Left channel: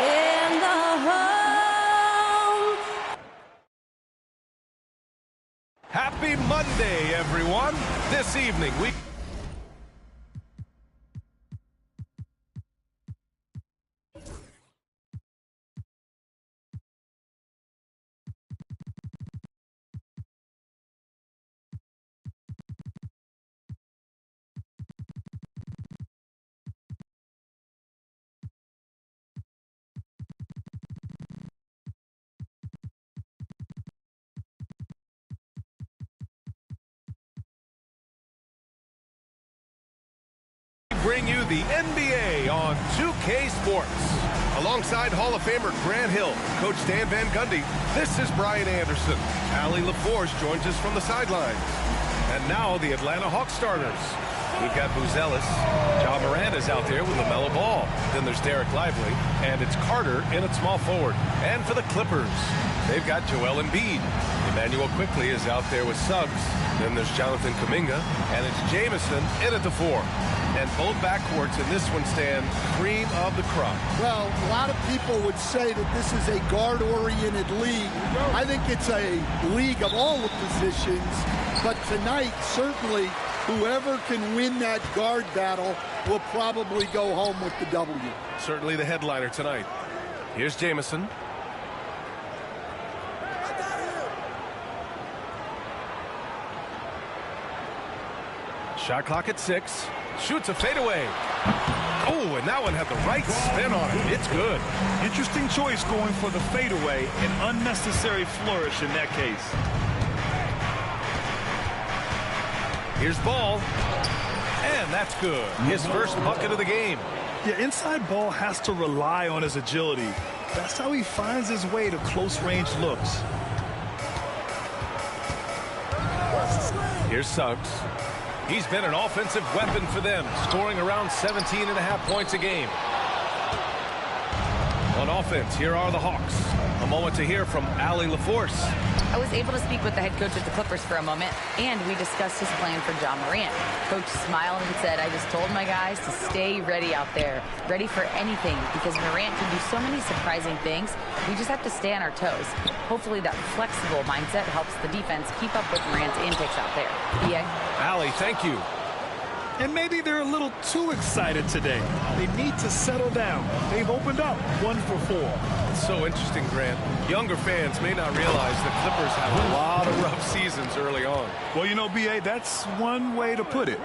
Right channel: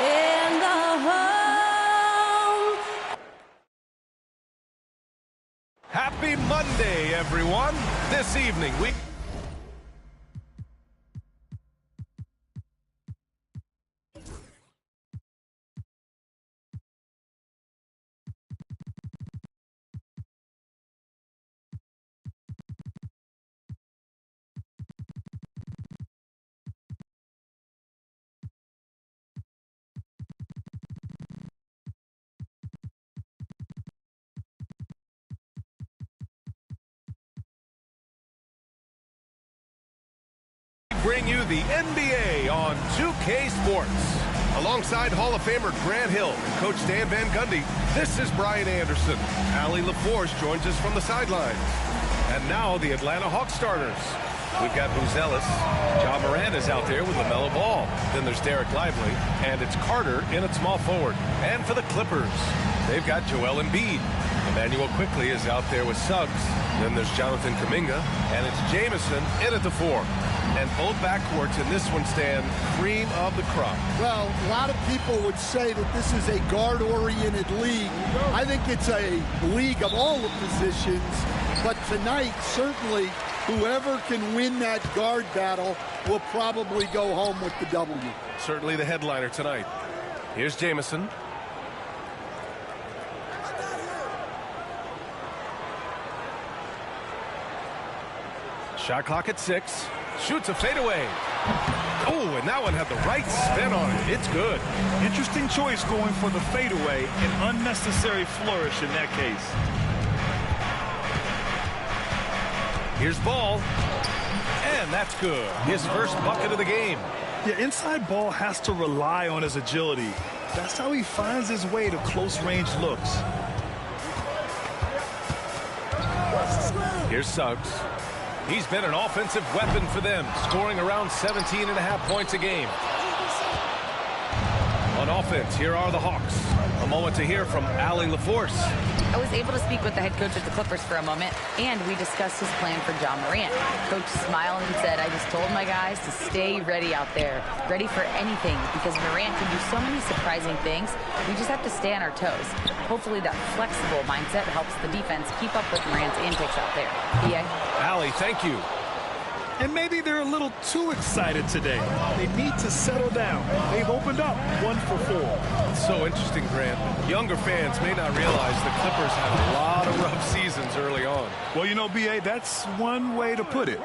in the home. Happy Monday, everyone. This evening, we... bring you the NBA on 2K Sports. Alongside Hall of Famer Grant Hill and Coach Dan Van Gundy, this is Brian Anderson. yr4 joins us from the sidelines. And now the Atlanta Hawks starters. We've got Buzelis. Ja Morant is out there with LaMelo Ball. Then there's Derek Lively. And it's Carter in at small forward. And for the Clippers, they've got Joel Embiid. Emmanuel Quickly is out there with Suggs. Then there's Jonathan Kuminga. And it's Jamison in at the 4. And both backcourts in this one stand cream of the crop. Well, a lot of people would say that this is a guard-oriented league. I think it's a league of all the positions. But tonight, certainly, whoever can win that guard battle will probably go home with the W. Certainly the headliner tonight. Here's Jamison. Shot clock at 6. Shoots a fadeaway. Oh, and that one had the right spin on it. It's good. Interesting choice going for the fadeaway. An unnecessary flourish in that case. Here's Ball. And that's good. His first bucket of the game. Yeah, inside Ball has to rely on his agility. That's how he finds his way to close-range looks. Here's Suggs. He's been an offensive weapon for them, scoring around 17.5 points a game. On offense, here are the Hawks. A moment to hear from Allie LaForce. I was able to speak with the head coach of the Clippers for a moment, and we discussed his plan for Ja Morant. Coach smiled and said, I just told my guys to stay ready out there, ready for anything, because Morant can do so many surprising things. We just have to stay on our toes. Hopefully that flexible mindset helps the defense keep up with Morant's antics out there. B.A. Allie, thank you. And maybe they're a little too excited today. They need to settle down. They've opened up 1 for 4. It's so interesting, Grant. Younger fans may not realize the Clippers had a lot of rough seasons early on. Well, you know, B.A., that's one way to put it.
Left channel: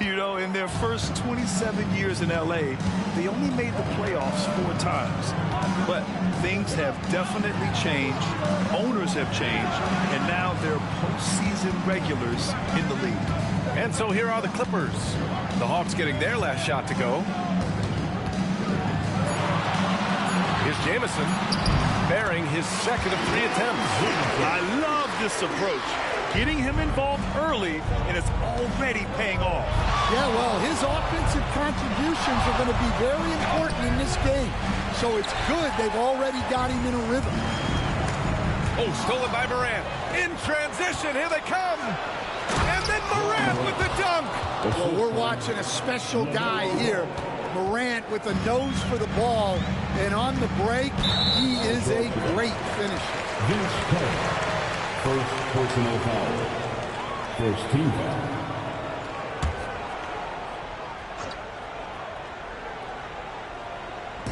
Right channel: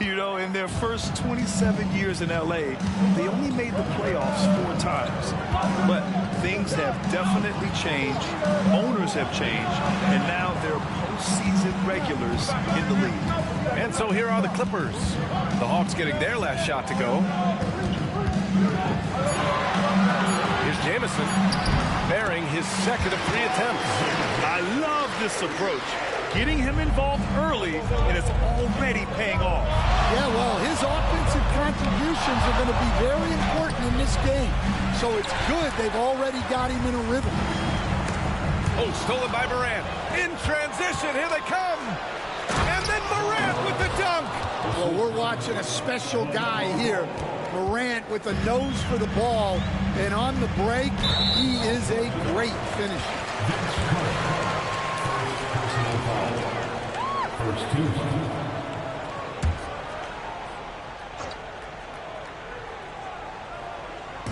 You know, in their first 27 years in L.A., they only made the playoffs 4 times. But things have definitely changed. Owners have changed. And now they're postseason regulars in the league. And so here are the Clippers. The Hawks getting their last shot to go. Here's Jamison, bearing his second of 3 attempts. I love this approach. Getting him involved early, and it's already paying off. Yeah, well, his offensive contributions are going to be very important in this game. So it's good they've already got him in a rhythm. Oh, stolen by Morant. In transition, here they come. And then Morant with the dunk. Well, we're watching a special guy here. Morant with a nose for the ball. And on the break, he is a great finisher. First personal foul. First team foul.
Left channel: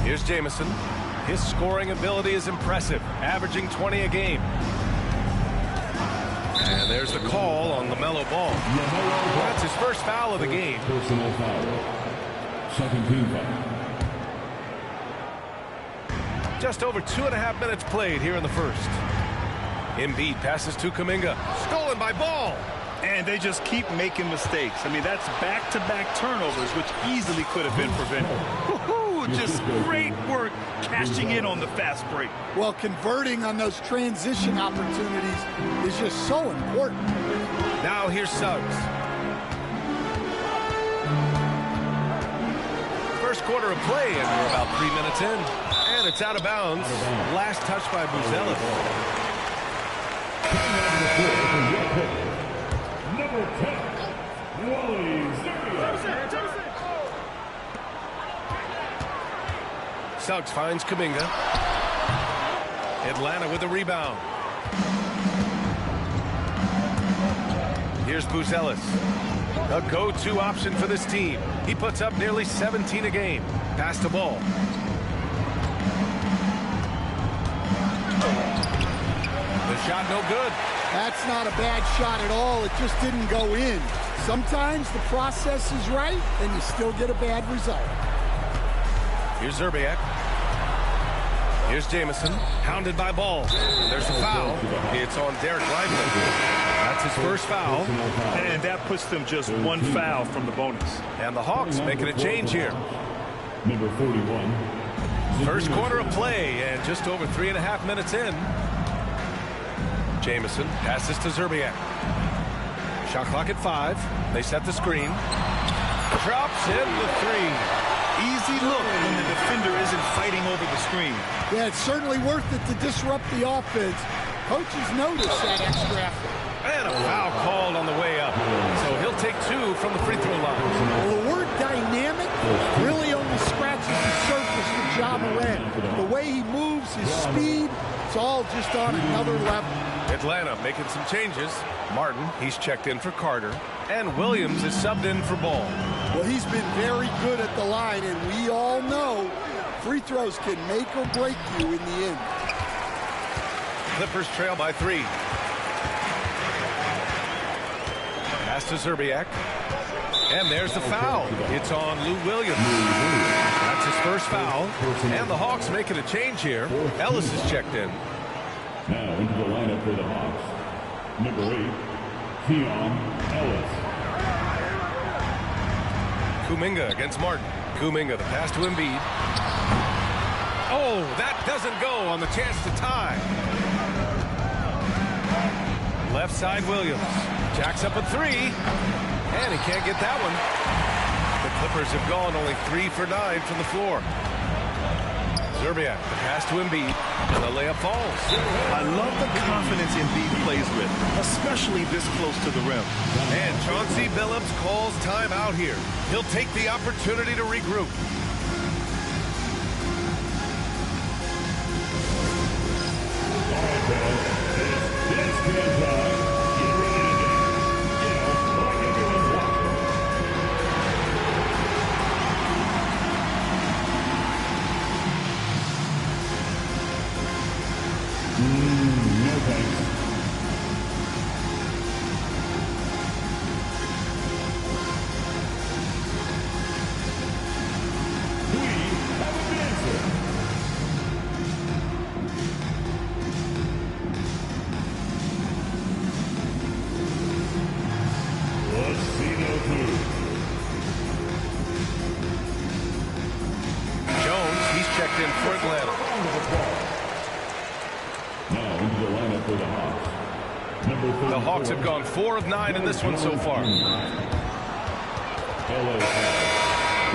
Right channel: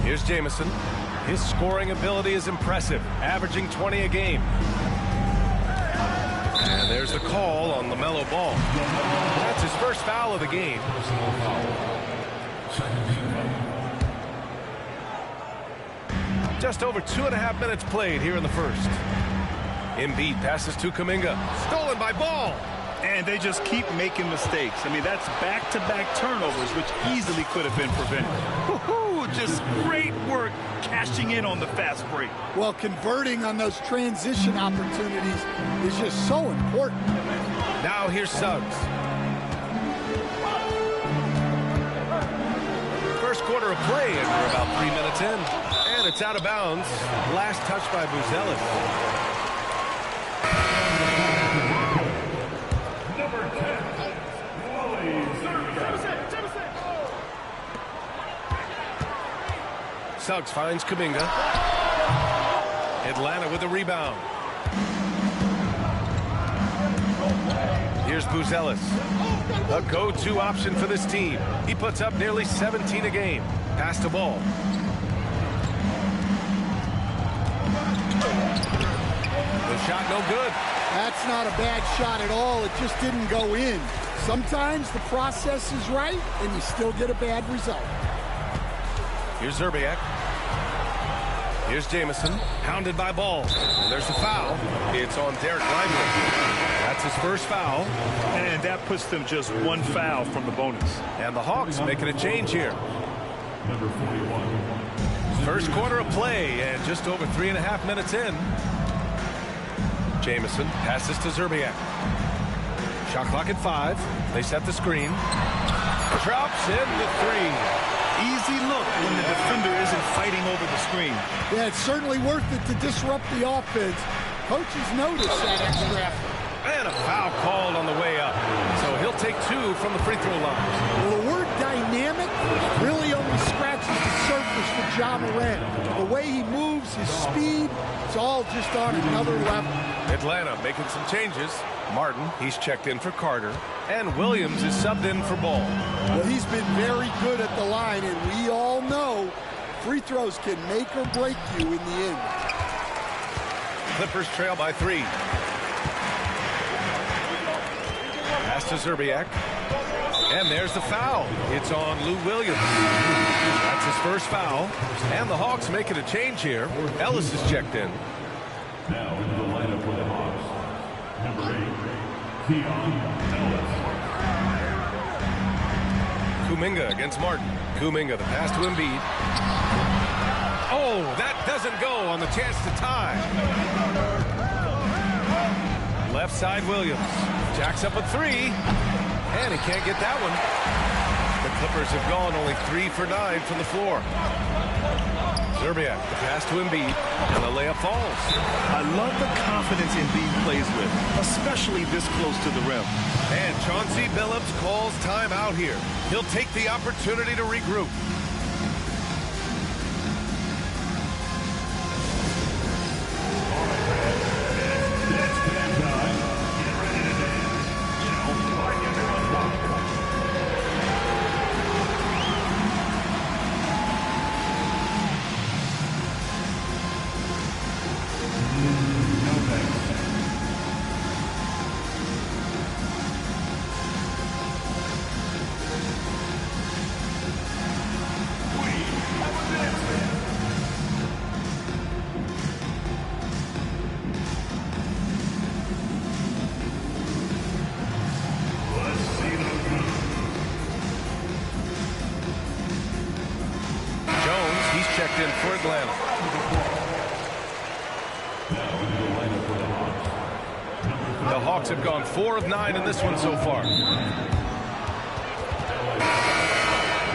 Here's Jamison. His scoring ability is impressive, averaging 20 a game. And there's the call on LaMelo Ball. That's his first foul of the game. Personal foul. Second team foul. Just over 2.5 minutes played here in the first. Embiid passes to Kuminga. Stolen by Ball. And they just keep making mistakes. I mean, that's back-to-back turnovers, which easily could have been prevented. Woohoo! Just great work cashing in on the fast break. Well, converting on those transition opportunities is just so important. Now here's Suggs. First quarter of play, and we're about 3 minutes in. And it's out of bounds. Last touch by Buzelis. Number 10, Suggs finds Kuminga. Atlanta with the rebound. Here's Buzelis. A go-to option for this team. He puts up nearly 17 a game. Pass the ball. The shot no good. That's not a bad shot at all. It just didn't go in. Sometimes the process is right, and you still get a bad result. Here's Zerbiak. Here's Jamison, hounded by Ball. And there's a foul. It's on Derek Lively. That's his first foul. And that puts them just one foul from the bonus. And the Hawks making a change here. Number 41. First quarter of play, and just over 3.5 minutes in. Jamison passes to Zerbiak. Shot clock at 5. They set the screen. Drops in the 3. Easy look when the defender isn't fighting over the screen. Yeah, it's certainly worth it to disrupt the offense. Coaches notice that extra effort. And a foul called on the way up. So he'll take 2 from the free throw line. Well, the word dynamic really only scratches the surface for Ja Morant. The way he moves, his speed, it's all just on another level. Atlanta making some changes. Martin, he's checked in for Carter. And Williams is subbed in for Ball. Well, he's been very good at the line, and we all know free throws can make or break you in the end. Clippers trail by 3. Pass to Zerbiak. And there's the foul. It's on Lou Williams. That's his first foul. And the Hawks making a change here. Ellis is checked in. Now into the lineup for the Hawks. Number 8, Keon Ellis. Kuminga against Martin. Kuminga, the pass to Embiid. Oh, that doesn't go on the chance to tie. Left side Williams. Jacks up a 3. And he can't get that one. The Clippers have gone only 3 for 9 from the floor. Zerbiak, the pass to Embiid, and the layup falls. I love the confidence Embiid plays with, especially this close to the rim. And Chauncey Billups calls timeout here. He'll take the opportunity to regroup. Checked in for Atlanta. Now into the lineup for the Hawks. The Hawks have gone 4 of 9 in this one so far. LA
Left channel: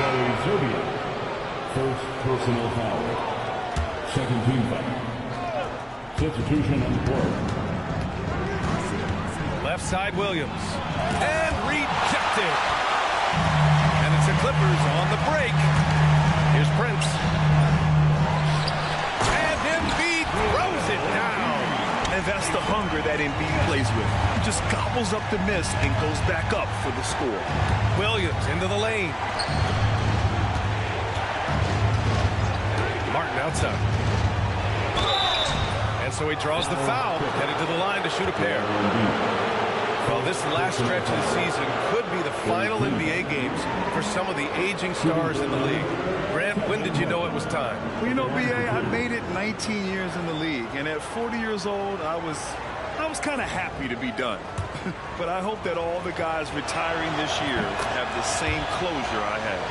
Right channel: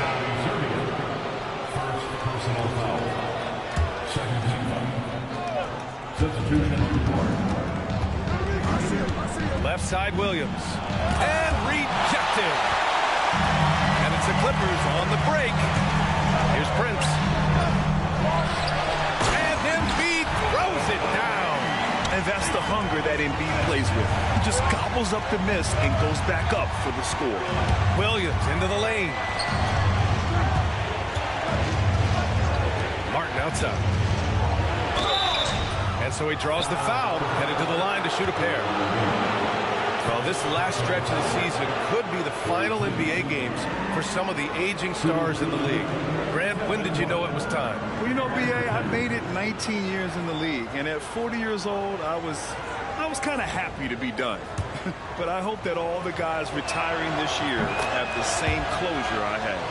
Wally Zerbiak. First personal foul. Second team foul. Substitution on the court. Left side Williams. And rejected. And it's the Clippers on the break. Here's Prince. And Embiid throws it down. And that's the hunger that Embiid plays with. He just gobbles up the miss and goes back up for the score. Williams into the lane. Martin outside. And so he draws the foul, headed to the line to shoot a pair. Well, this last stretch of the season could be the final NBA games for some of the aging stars in the league. Grant, when did you know it was time? Well, you know, B.A., I made it 19 years in the league, and at 40 years old, I was kind of happy to be done. But I hope that all the guys retiring this year have the same closure I had.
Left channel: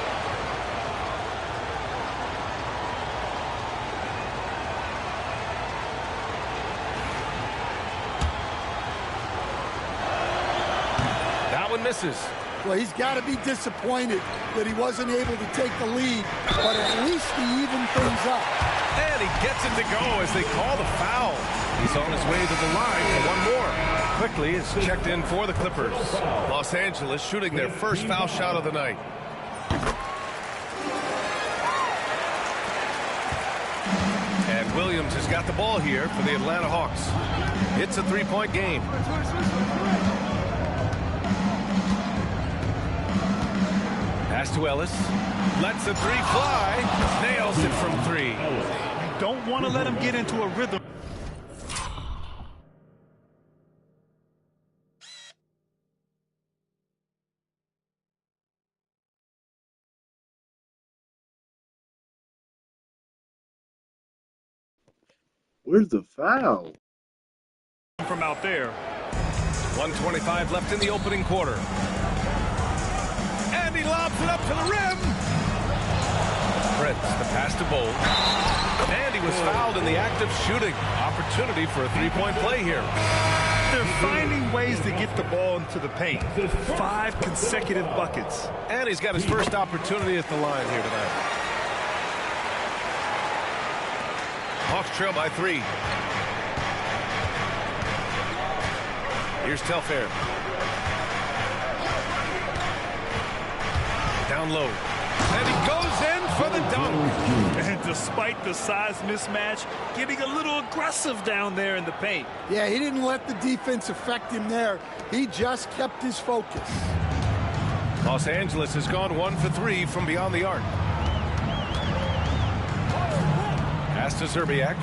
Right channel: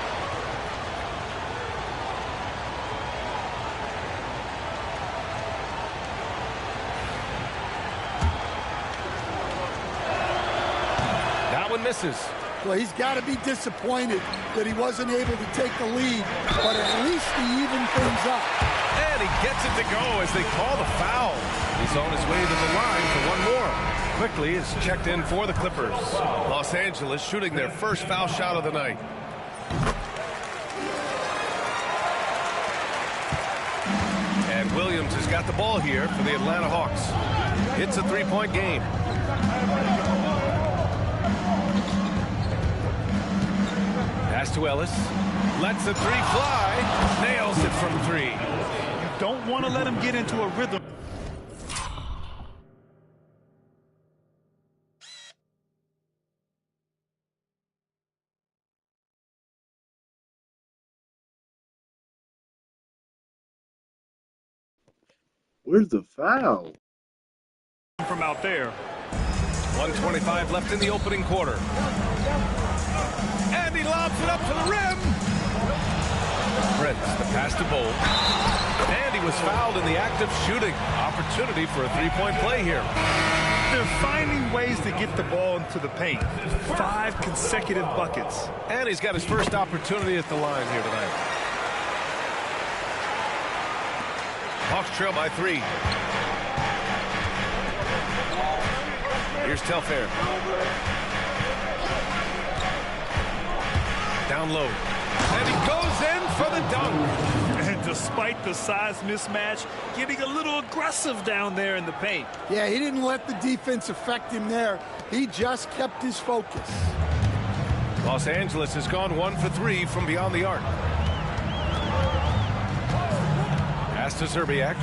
That one misses. Well, he's got to be disappointed that he wasn't able to take the lead, but at least he evened things up. And he gets it to go as they call the foul. He's on his way to the line for one more. Quickly is checked in for the Clippers. Los Angeles shooting their first foul shot of the night. And Williams has got the ball here for the Atlanta Hawks. It's a three-point game. Pass to Ellis. Lets the three fly. Nails it from three. You don't want to let him get into a rhythm. Where's the foul? From out there. 1:25 left in the opening quarter. And he lobs it up to the rim. Prince, the pass to Bold. And he was fouled in the act of shooting. Opportunity for a three-point play here. They're finding ways to get the ball into the paint. 5 consecutive buckets. And he's got his first opportunity at the line here tonight. Hawks trail by 3. Here's Telfair. Down low. And he goes in for the dunk. And despite the size mismatch, getting a little aggressive down there in the paint. Yeah, he didn't let the defense affect him there. He just kept his focus. Los Angeles has gone 1 for 3 from beyond the arc. Pass to Zerbiak.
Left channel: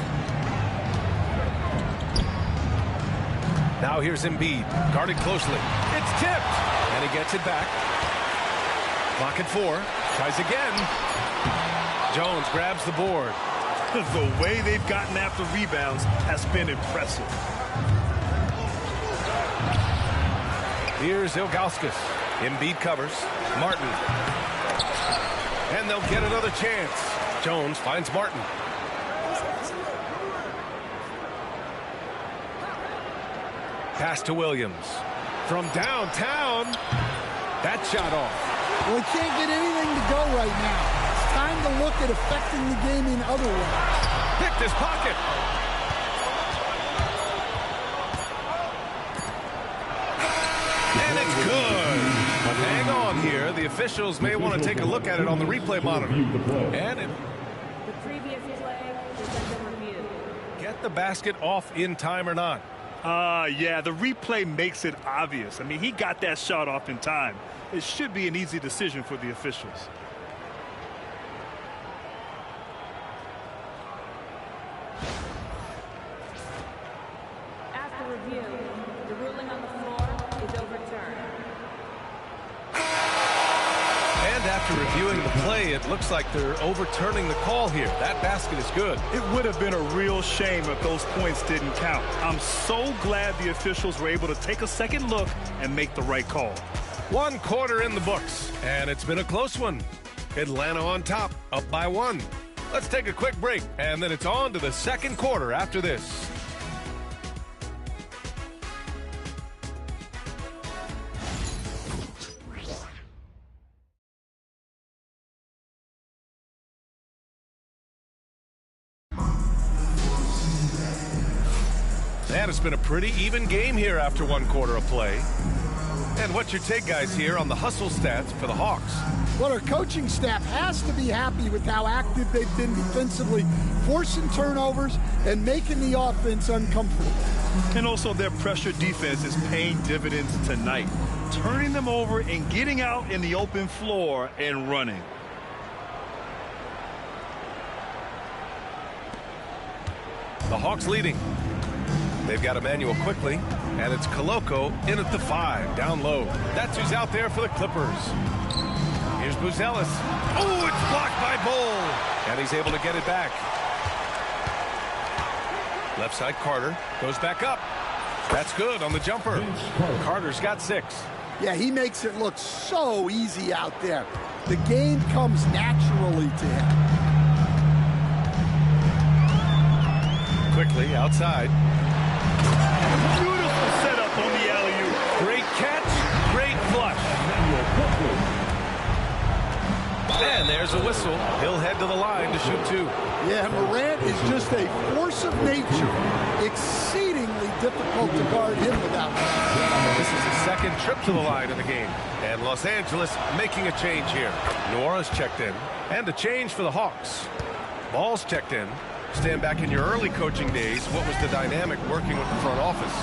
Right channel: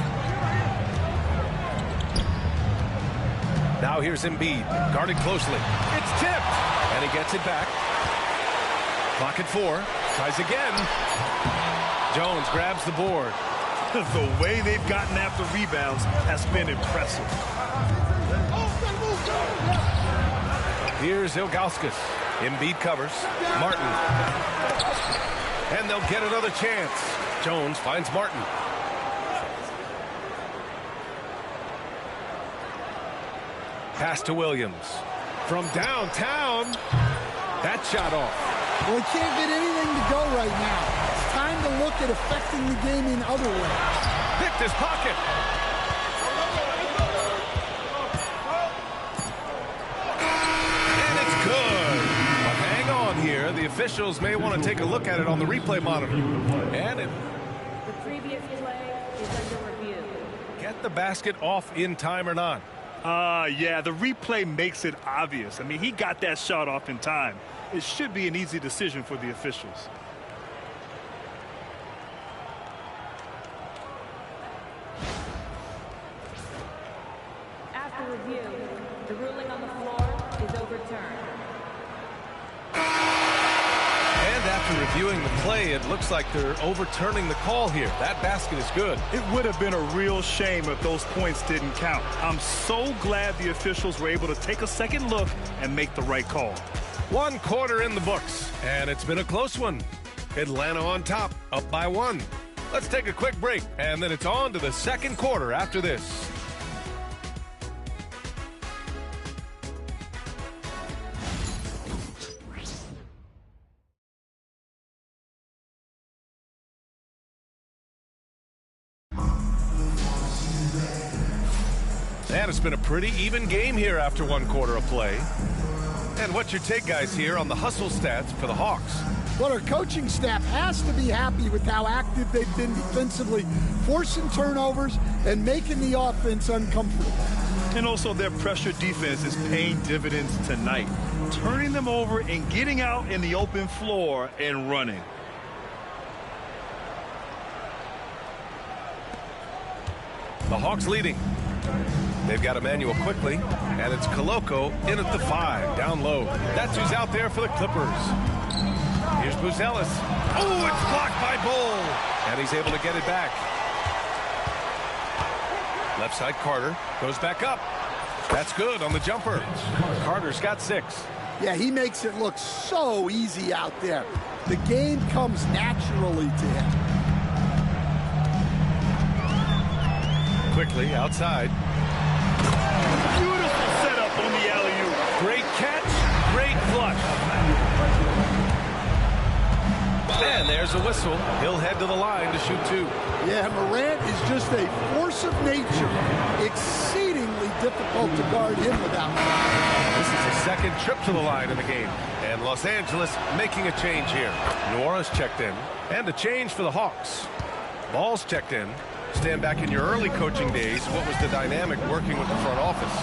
Now here's Embiid, guarded closely. It's tipped, and he gets it back. Clock at 4. Tries again. Jones grabs the board. The way they've gotten after rebounds has been impressive. Here's Ilgauskas. Embiid covers. Martin. And they'll get another chance. Jones finds Martin. Pass to Williams. From downtown. That shot off. Well, he can't get anything to go right now. It's time to look at affecting the game in other ways. Picked his pocket. And it's good. But hang on here. The officials may want to take a look at it on the replay monitor. And it... The previous play is under review. Get the basket off in time or not. Yeah, the replay makes it obvious. I mean, he got that shot off in time. It should be an easy decision for the officials. After review, the ruling on the floor is overturned. And after reviewing the play, it looks like they're overturning the call here. That basket is good. It would have been a real shame if those points didn't count. I'm so glad the officials were able to take a second look and make the right call. 1 quarter in the books, and it's been a close one. Atlanta on top, up by 1. Let's take a quick break, and then it's on to the second quarter after this. And it's been a pretty even game here after 1 quarter of play. And what's your take, guys, here on the hustle stats for the Hawks? Well, our coaching staff has to be happy with how active they've been defensively, forcing turnovers and making the offense uncomfortable. And also their pressure defense is paying dividends tonight, turning them over and getting out in the open floor and running. The Hawks leading. They've got Emmanuel quickly, and it's Koloko in at the 5, down low. That's who's out there for the Clippers. Here's Buzelis. Oh, it's blocked by Bull, and he's able to get it back. Left side, Carter goes back up. That's good on the jumper. Carter's got 6. Yeah, he makes it look so easy out there. The game comes naturally to him. Quickly outside. Beautiful setup on the alley-oop. Great catch, great flush. And there's a whistle. He'll head to the line to shoot 2. Yeah, Morant is just a force of nature. Exceedingly difficult to guard him without that. This is his second trip to the line in the game. And Los Angeles making a change here. Nora's checked in. And a change for the Hawks. Ball's checked in. Stan, back in your early coaching days, what was the dynamic working with the front office?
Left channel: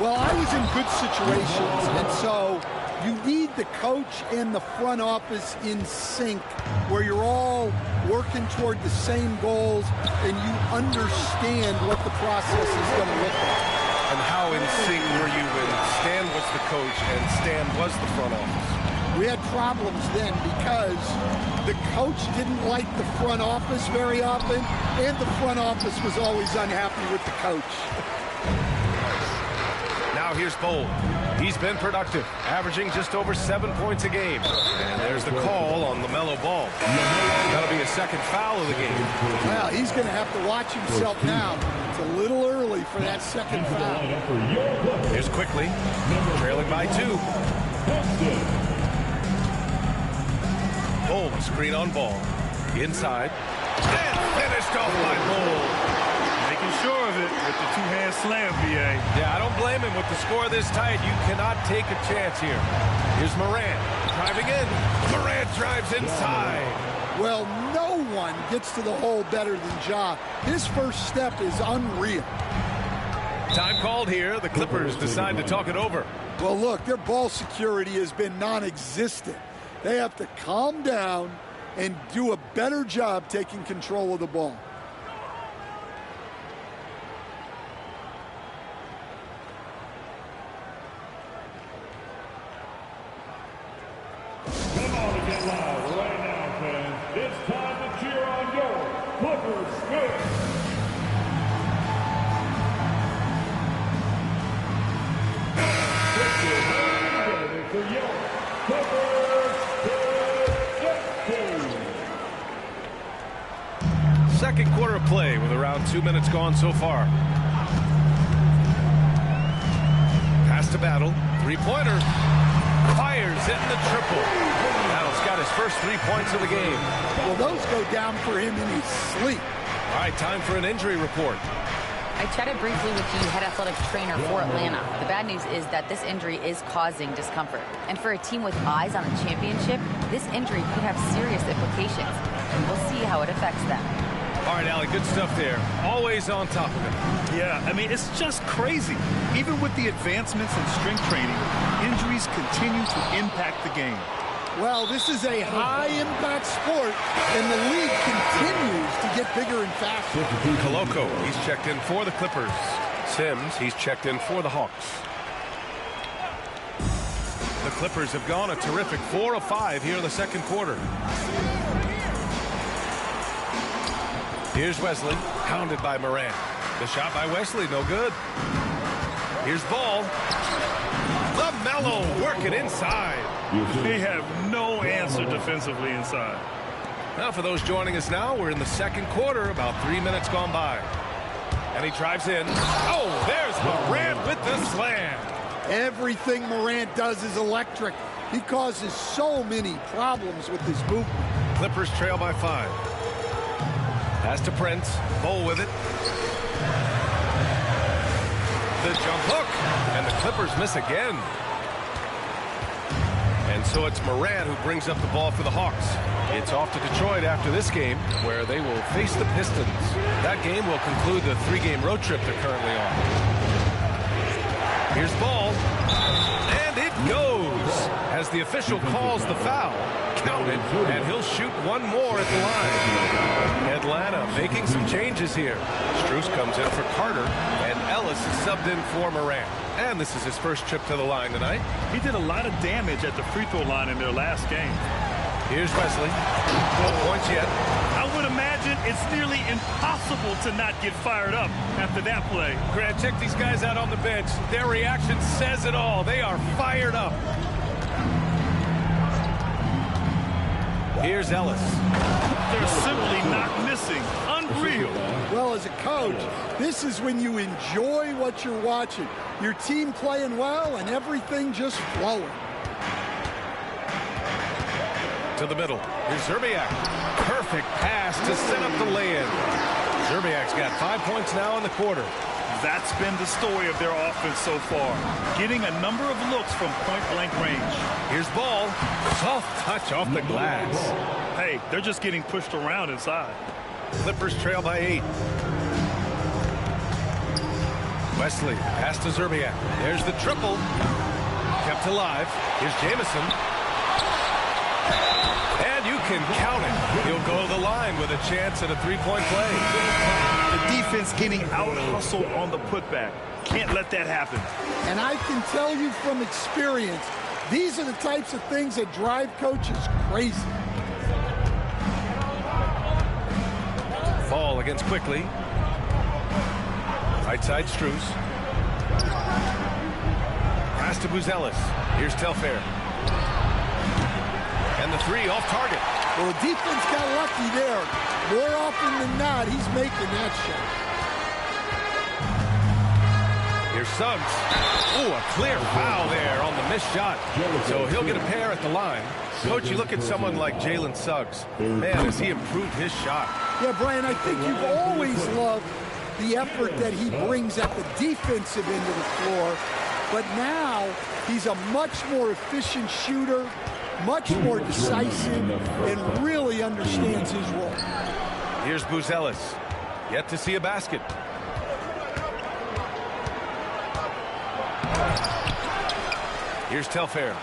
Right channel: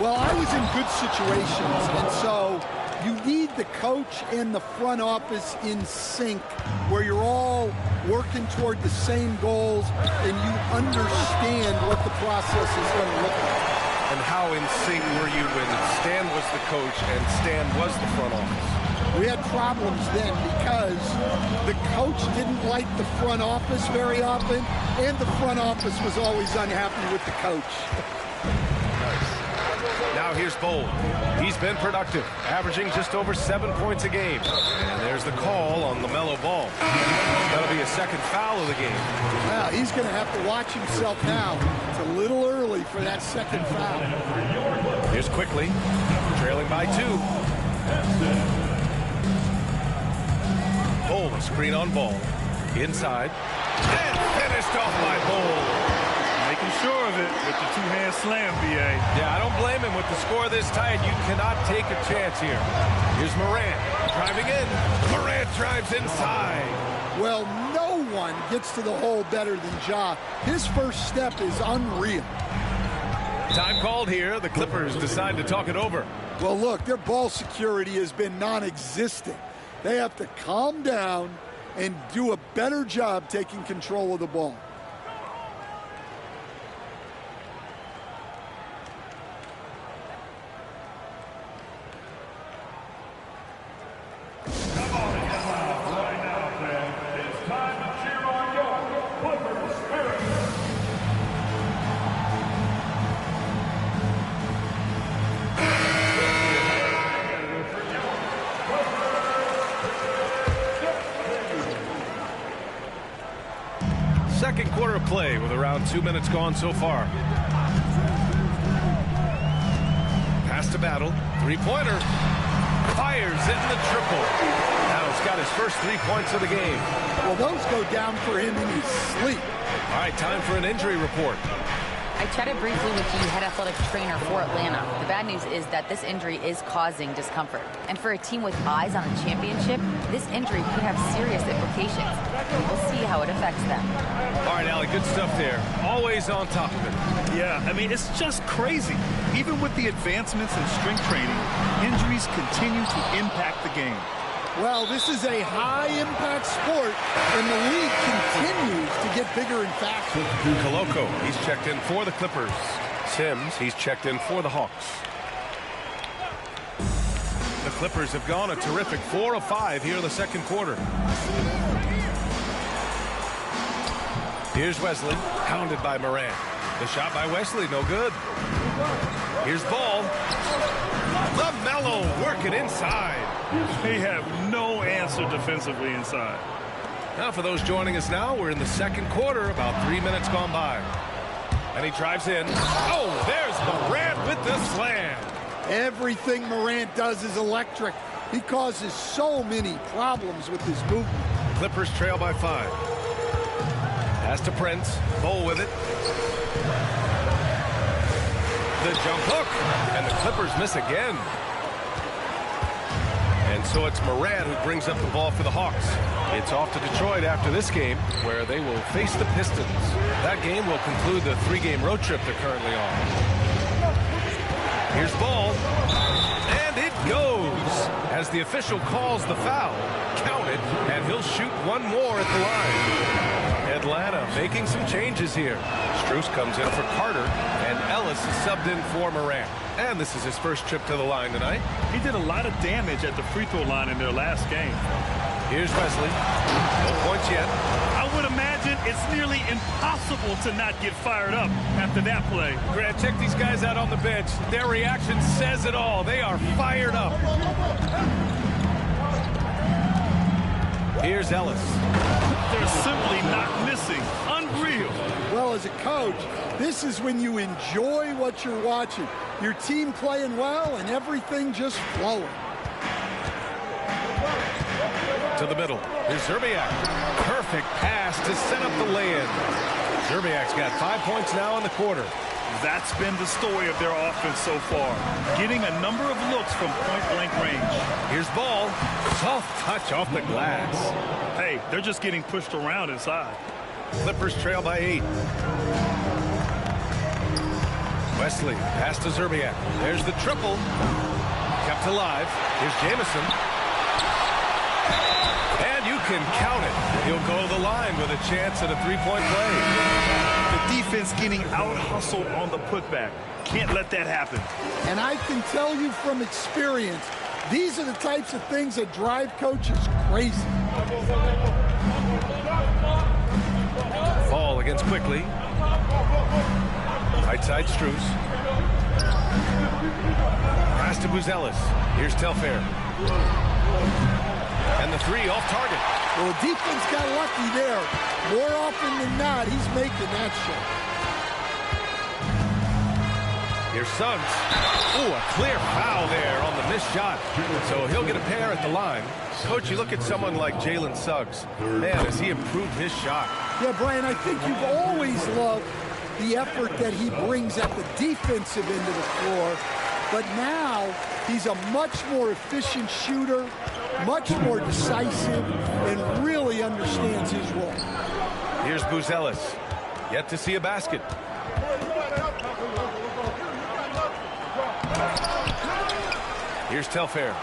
Well, I was in good situations, and so you need the coach and the front office in sync, where you're all working toward the same goals and you understand what the process is going to look like. And how in sync were you when Stan was the coach and Stan was the front office? We had problems then because the coach didn't like the front office very often, and the front office was always unhappy with the coach. Now here's Bold. He's been productive, averaging just over 7 points a game. And there's the call on LaMelo Ball. That'll be a second foul of the game. Well, he's going to have to watch himself now. It's a little early for that second foul. Here's Quickly, trailing by 2. Bold, a screen on Ball. Inside. And finished off by Bold. Making sure of it with the two-hand slam, B.A. Yeah, I don't blame him. With the score this tight, you cannot take a chance here. Here's Morant driving in. Morant drives inside. Well, no one gets to the hole better than Ja. His first step is unreal. Time called here. The Clippers decide to talk it over. Well, look, their ball security has been non-existent. They have to calm down and do a better job taking control of the ball. Come on and get loud right now, fans. It's time to cheer on your Clippers spirit. Ready for your Clippers. Second quarter of play with around 2 minutes gone so far. Pass to Battle. Three-pointer. Fires in the triple. Battle's got his first 3 points of the game. Well, those go down for him in his sleep. All right, time for an injury report. I chatted briefly with the head athletic trainer for Atlanta. The bad news is that this injury is causing discomfort. And for a team with eyes on a championship, this injury could have serious implications. And we'll see how it affects them. All right, Allie, good stuff there. Always on top of it. Yeah, I mean, it's just crazy. Even with the advancements in strength training, injuries continue to impact the game. Well, this is a high-impact sport, and the league continues to get bigger and faster. Koloko, he's checked in for the Clippers. Sims, he's checked in for the Hawks. The Clippers have gone a terrific 4 of 5 here in the second quarter. Here's Wesley, pounded by Morant. The shot by Wesley, no good. Here's Ball. LaMelo working inside. They have no answer defensively inside. Now for those joining us now, we're in the second quarter, about 3 minutes gone by. And he drives in. Oh, there's Morant with the slam. Everything Morant does is electric. He causes so many problems with his movement. Clippers trail by 5. Pass to Prince. Bowl with it. The jump hook. And the Clippers miss again. And so it's Morant who brings up the ball for the Hawks. It's off to Detroit after this game, where they will face the Pistons. That game will conclude the 3-game road trip they're currently on. Here's Ball. And it goes. As the official calls the foul, count it, and he'll shoot one more at the line. Atlanta making some changes here. Strus comes in for Carter, and Ellis is subbed in for Morant. And this is his first trip to the line tonight. He did a lot of damage at the free throw line in their last game. Here's Wesley. No points yet. I would imagine it's nearly impossible to not get fired up after that play. Grant, check these guys out on the bench. Their reaction says it all. They are fired up. Here's Ellis. They're simply not missing. Unreal. Well, as a coach, this is when you enjoy what you're watching. Your team playing well and everything just flowing. To the middle. Here's Zerbiak. Perfect pass to set up the lay-in. Zerbiak's got 5 points now in the quarter. That's been the story of their offense so far. Getting a number of looks from point-blank range. Here's Ball. Soft touch off the glass. Hey, they're just getting pushed around inside. Clippers trail by 8. Wesley, pass to Zerbiak. There's the triple. Kept alive. Here's Jamison. And you can count it. He'll go to the line with a chance at a three-point play. The defense getting out-hustled on the putback. Can't let that happen. And I can tell you from experience, these are the types of things that drive coaches crazy. Ball against Quickly. Right side, Strus. Pass to Buzelis. Here's Telfair. And the three off target. Well, the defense got lucky there. More often than not, he's making that shot. Here's Suggs. Oh, a clear foul there on the missed shot. So he'll get a pair at the line. Coach, you look at someone like Jalen Suggs. Man, has he improved his shot. Yeah, Brian, I think you've always loved the effort that he brings at the defensive end of the floor. But now he's a much more efficient shooter, much more decisive, and really understands his role. Here's Buzelis. Yet to see a basket. Here's Telfair.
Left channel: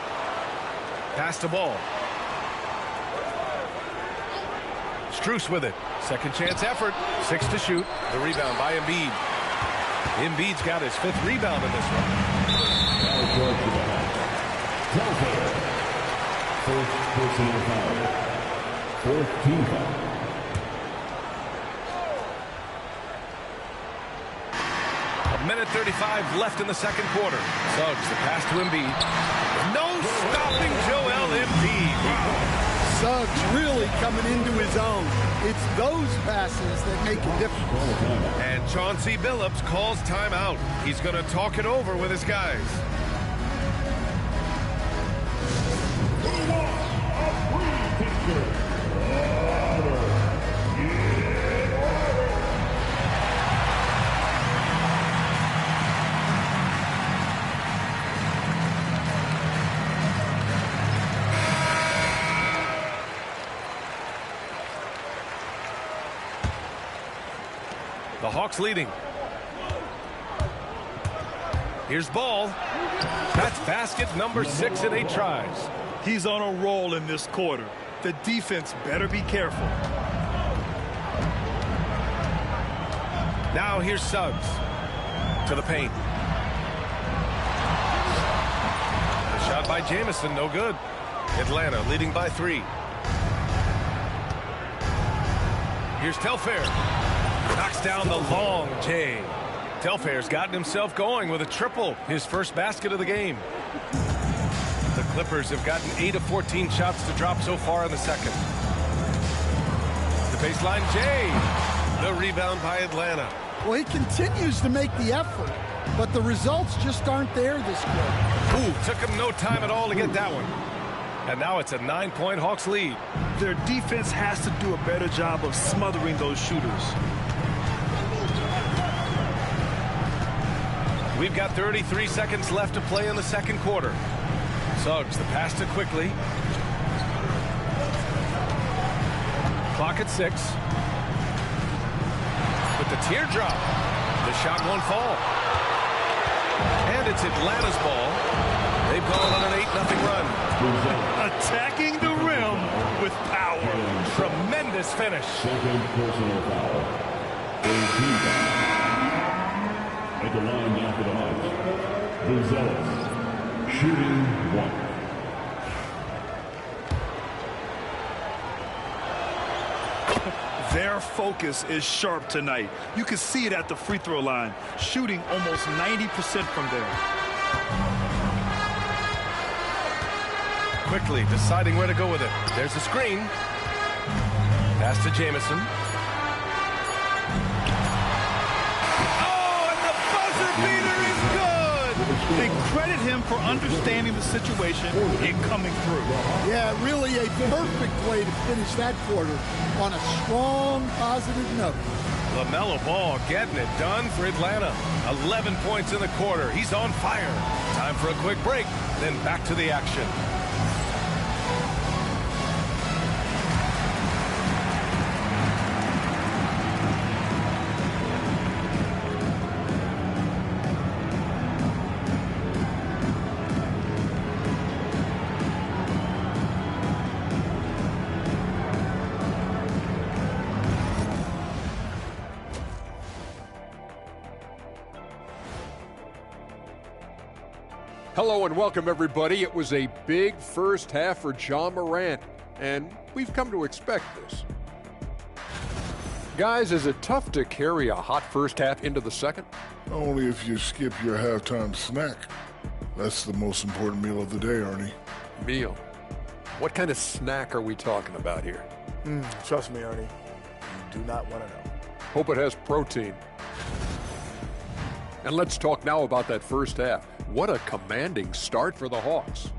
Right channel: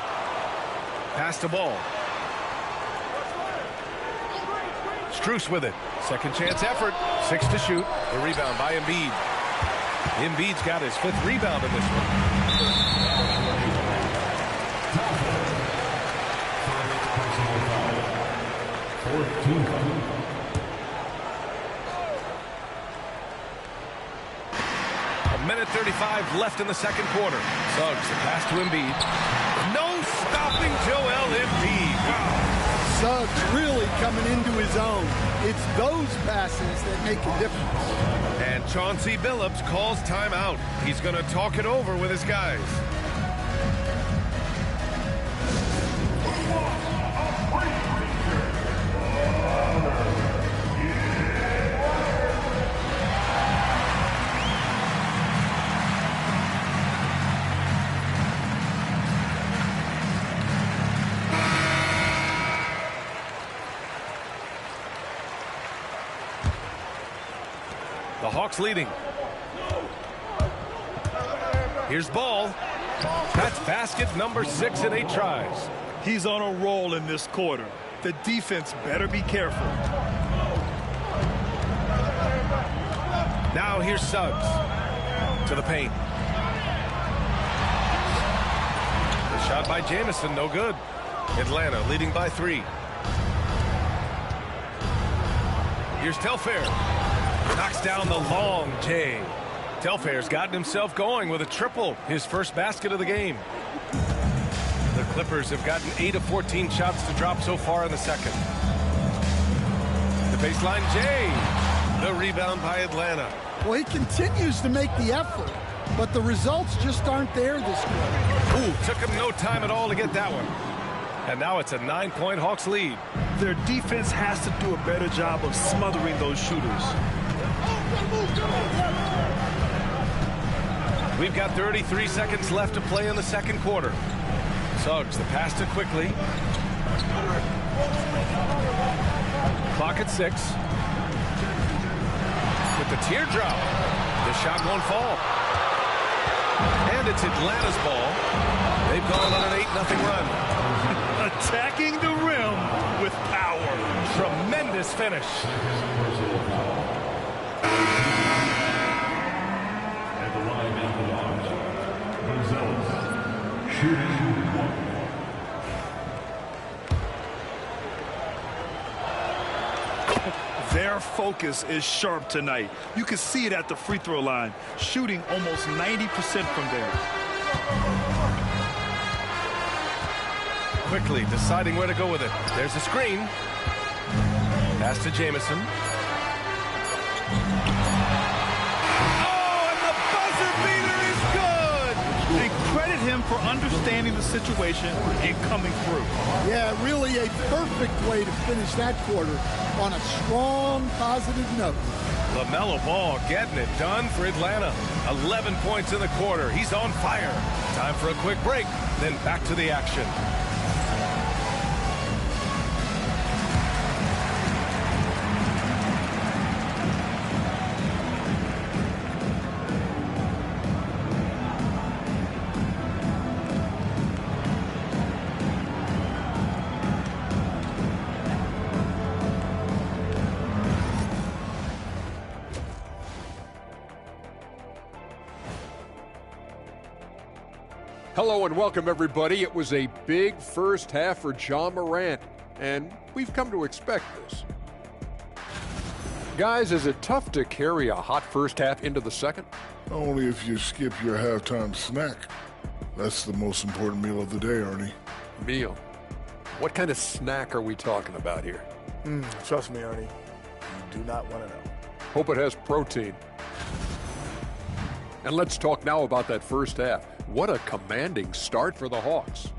Pass to Ball. Strus with it. Second chance effort. 6 to shoot. The rebound by Embiid. Embiid's got his 5th rebound in this one. First personal foul. 4th team foul. A minute 35 left in the second quarter. Suggs, the pass to Embiid. No stopping Joel Embiid. Wow. Suggs really coming into his own. It's those passes that make a difference. And Chauncey Billups calls timeout. He's going to talk it over with his guys. The Hawks leading. Here's Ball. That's basket number 6 in 8 tries. He's on a roll in this quarter. The defense better be careful. Now here's Suggs to the paint. The shot by Jamison, no good. Atlanta leading by 3. Here's Telfair. Knocks down the long J. Telfair's gotten himself going with a triple, his first basket of the game. The Clippers have gotten 8 of 14 shots to drop so far in the second. The baseline J. The rebound by Atlanta. Well, he continues to make the effort, but the results just aren't there this quarter. Ooh, took him no time at all to get that one. And now it's a 9-point Hawks lead. Their defense has to do a better job of smothering those shooters. We've got 33 seconds left to play in the second quarter. Suggs, the pass to Quickly. Clock at 6. With the teardrop, the shot won't fall. And it's Atlanta's ball. They've gone on an 8-0 run. Attacking the rim with power. Tremendous finish. Second personal foul. 14 foul. At the line now for the Hawks. Buzelis. Shooting 1. Their focus is sharp tonight. You can see it at the free throw line, shooting almost 90% from there. Quickly deciding where to go with it. There's a screen. Pass to Jamison. Oh, and the buzzer beater is good! And credit him for understanding the situation and coming through. Yeah, really a perfect way to finish that quarter on a strong, positive note. LaMelo Ball getting it done for Atlanta. 11 points in the quarter. He's on fire. Time for a quick break, then back to the action. Hello and welcome, everybody. It was a big first half for Ja Morant, and we've come to expect this. Guys, is it tough to carry a hot first half into the second? Only if you skip your halftime snack. That's the most important meal of the day, Arnie. Meal? What kind of snack are we talking about here? Trust me, Arnie. You do not want to know. Hope it has protein. And let's talk now about that first half. What a commanding start for the Hawks.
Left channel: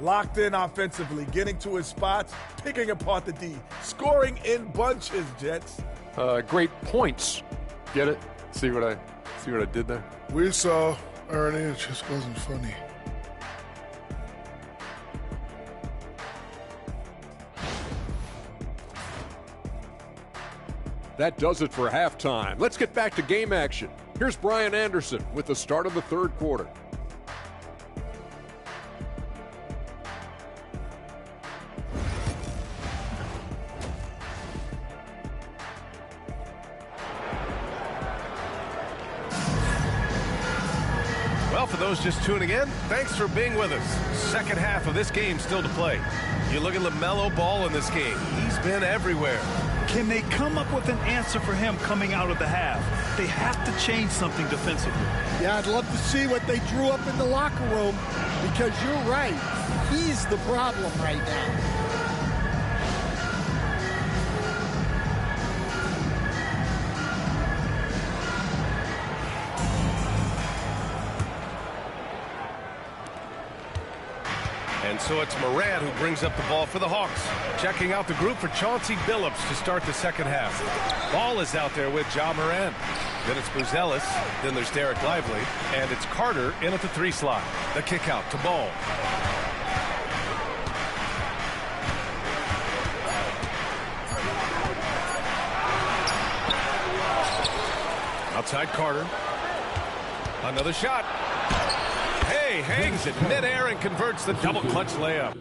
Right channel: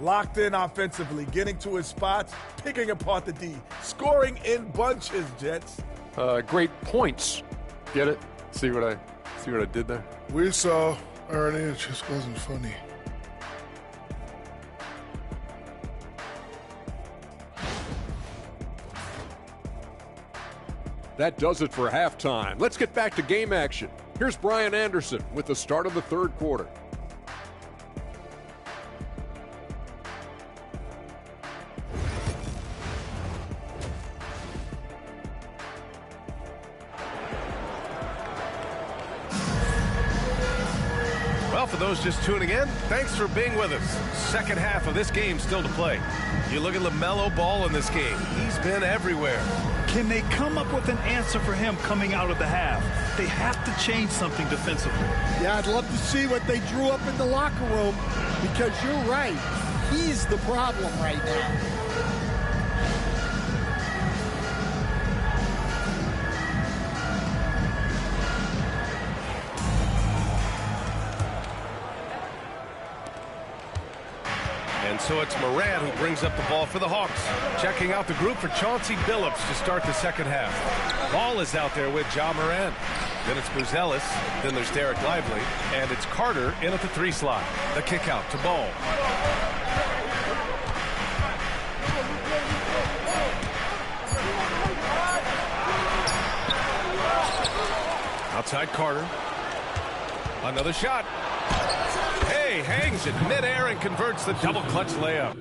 Locked in offensively, getting to his spots, picking apart the D, scoring in bunches, Jets. Great points. Get it? See what I did there? We saw, Arnie, it just wasn't funny. That does it for halftime. Let's get back to game action. Here's Brian Anderson with the start of the third quarter. Well, for those just tuning in, thanks for being with us. Second half of this game still to play. You look at LaMelo Ball in this game. He's been everywhere. Can they come up with an answer for him coming out of the half? They have to change something defensively. Yeah, I'd love to see what they drew up in the locker room, because you're right. He's the problem right now. And so it's Morant who brings up the ball for the Hawks. Checking out the group for Chauncey Billups to start the second half. Ball is out there with Ja Morant. Then it's Buzelis. Then there's Derek Lively. And it's Carter in at the 3 slot. The kick out to Ball. Outside Carter. Another shot. Hey, hangs it midair and converts the double clutch layup.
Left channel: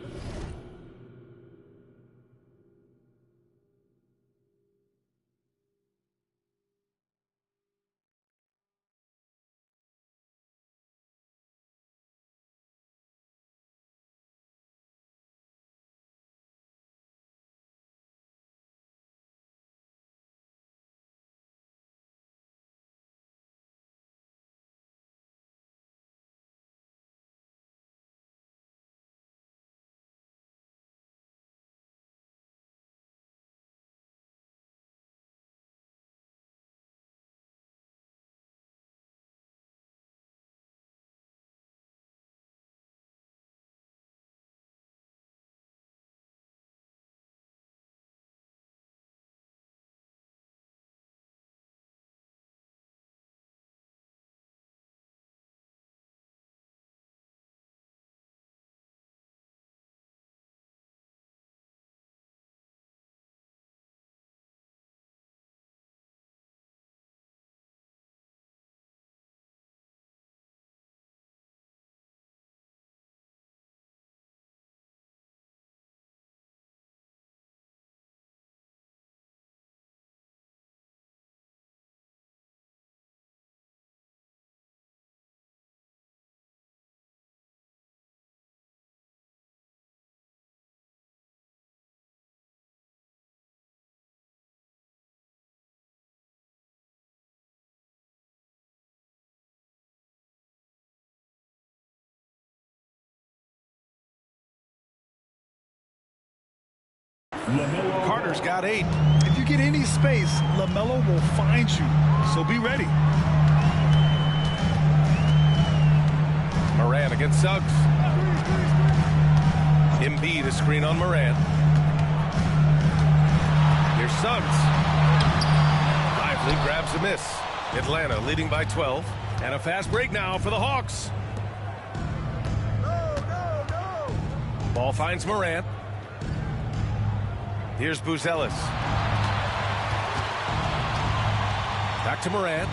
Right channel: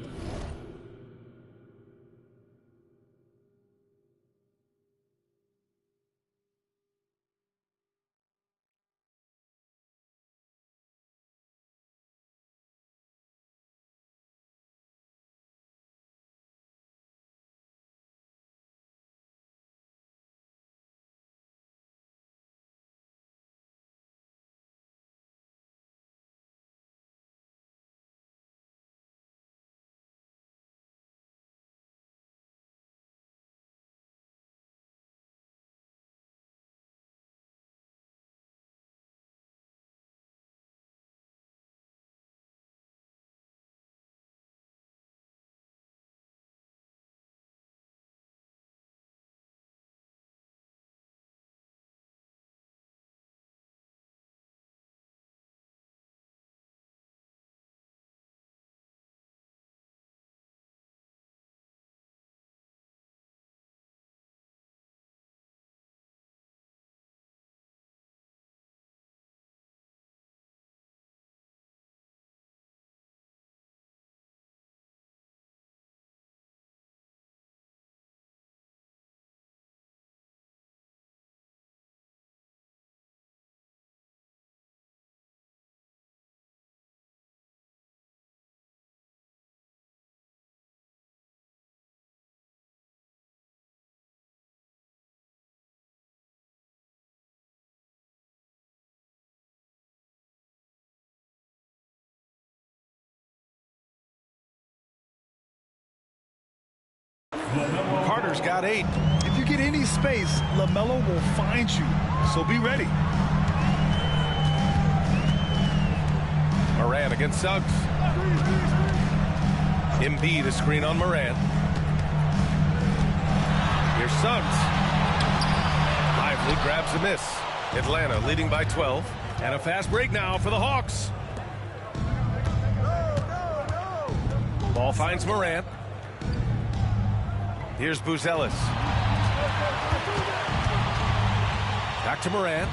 Carter's got 8. If you get any space, LaMelo will find you, so be ready. Morant against Suggs. Embiid a screen on Morant. Here's Suggs. Lively grabs a miss. Atlanta leading by 12. And a fast break now for the Hawks. Ball finds Morant. Here's Buzelis. Back to Morant.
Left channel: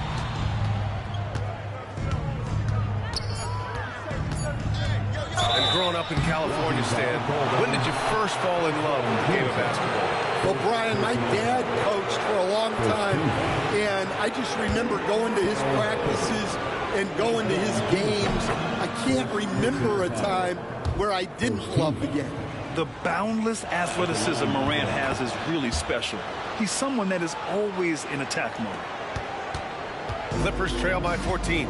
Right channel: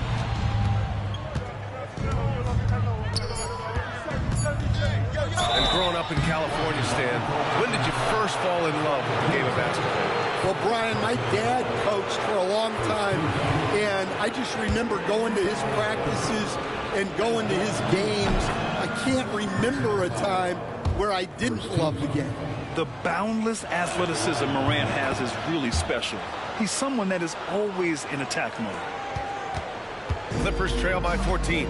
And growing up in California, Stan, when did you first fall in love with the game of basketball? Well, Brian, my dad coached for a long time, and I just remember going to his practices and going to his games. I can't remember a time where I didn't love the game. The boundless athleticism Morant has is really special. He's someone that is always in attack mode. Clippers trail by 14.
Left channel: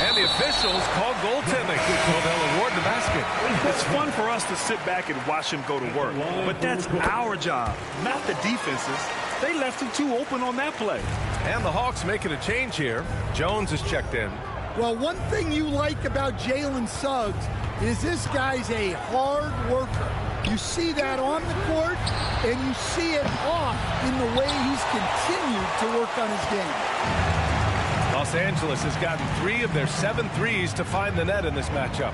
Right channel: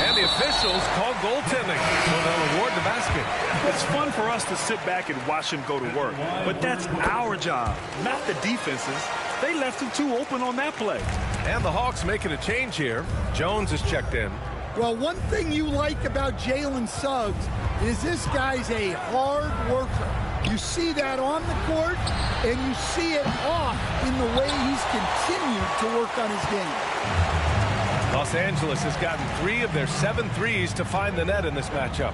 And the officials call goaltending, so they'll award the basket. It's fun for us to sit back and watch him go to work, but that's our job, not the defense's. They left him too open on that play. And the Hawks making a change here. Jones is checked in. Well, one thing you like about Jalen Suggs is this guy's a hard worker. You see that on the court, and you see it off in the way he's continued to work on his game. Los Angeles has gotten 3 of their 7 threes to find the net in this matchup.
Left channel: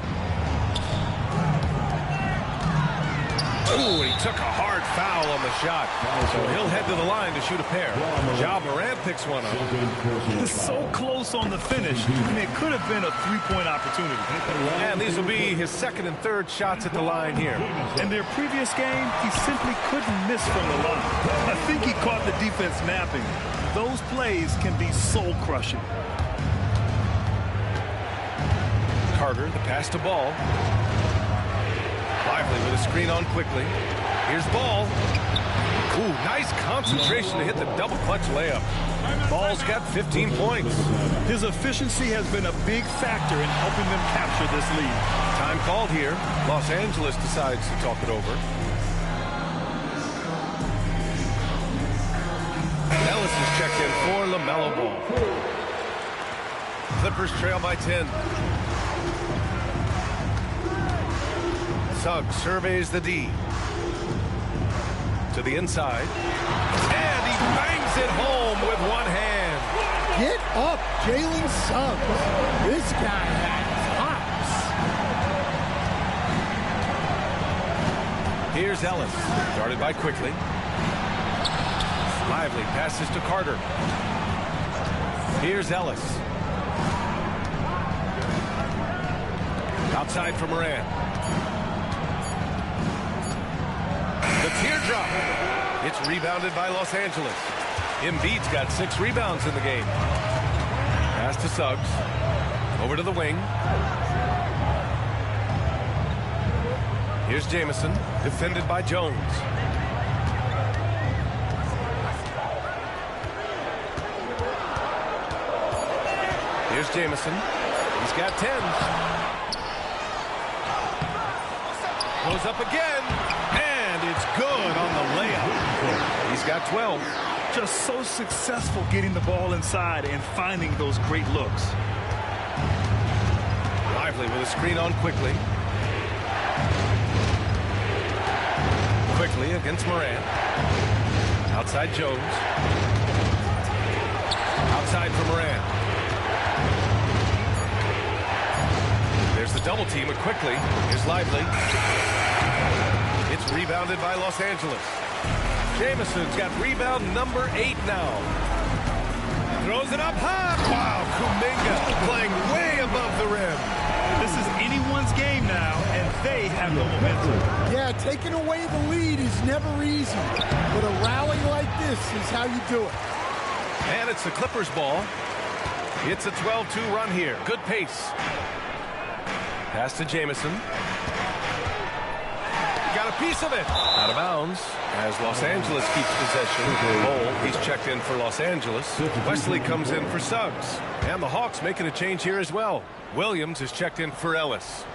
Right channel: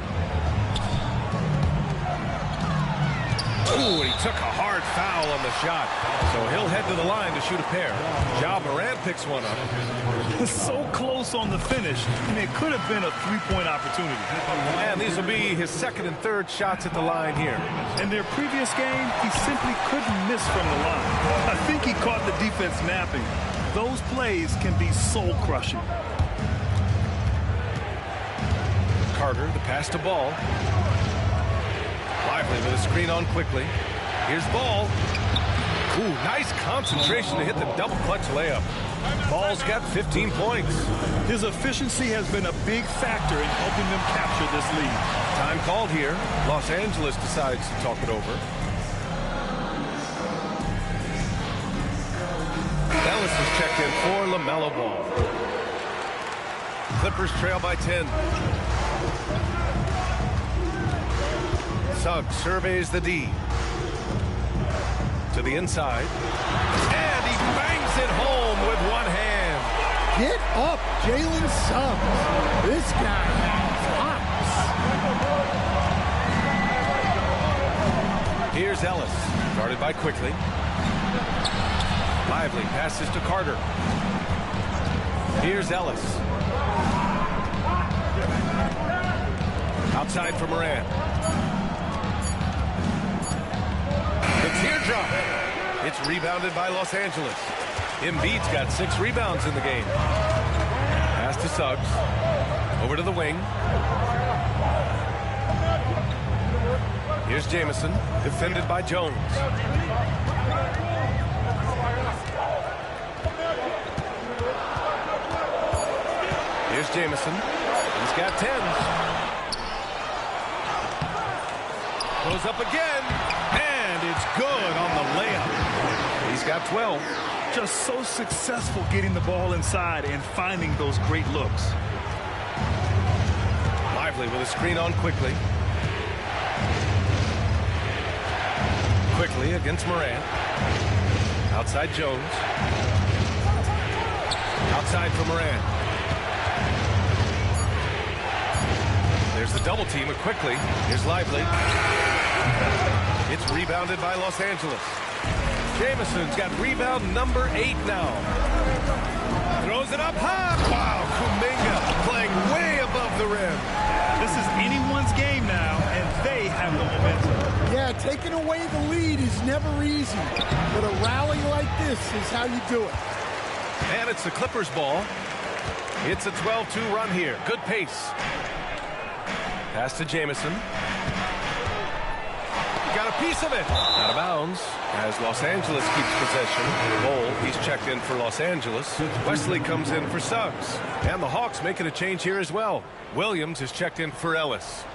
Ooh, he took a hard foul on the shot. So he'll head to the line to shoot a pair. Ja Morant picks one up. So close on the finish. I mean, it could have been a three-point opportunity. And these will be his second and third shots at the line here. In their previous game, he simply couldn't miss from the line. I think he caught the defense napping. Those plays can be soul-crushing. Carter, the pass to Ball. Lively with a screen on quickly. Here's Ball. Ooh, nice concentration to hit the double clutch layup. Ball's got 15 points. His efficiency has been a big factor in helping them capture this lead. Time called here. Los Angeles decides to talk it over. Ellis is checked in for LaMelo Ball. Clippers trail by 10. Suggs surveys the D. To the inside. And he bangs it home with one hand. Get up, Jalen Suggs. This guy has hops. Here's Ellis. Guarded by Quickly. Lively passes to Carter. Here's Ellis. Outside for Morant. The teardrop. It's rebounded by Los Angeles. Embiid's got 6 rebounds in the game. Pass to Suggs. Over to the wing. Here's Jamison, defended by Jones. Here's Jamison. He's got 10. Goes up again. And it's good on the layup. He's got 12. Just so successful getting the ball inside and finding those great looks. Lively with a screen on Quickly. Quickly against Morant. Outside Jones. Outside for Morant. There's the double team with Quickly. Here's Lively. It's rebounded by Los Angeles. Jamison's got rebound number 8 now. Throws it up high. Wow, Kuminga playing way above the rim. This is anyone's game now, and they have the momentum. Yeah, taking away the lead is never easy, but a rally like this is how you do it. And it's the Clippers ball. It's a 12-2 run here. Good pace. Pass to Jamison. Got a piece of it. Out of bounds as Los Angeles keeps possession. Bol, he's checked in for Los Angeles. Wesley comes in for Suggs. And the Hawks making a change here as well. Williams is checked in for Ellis.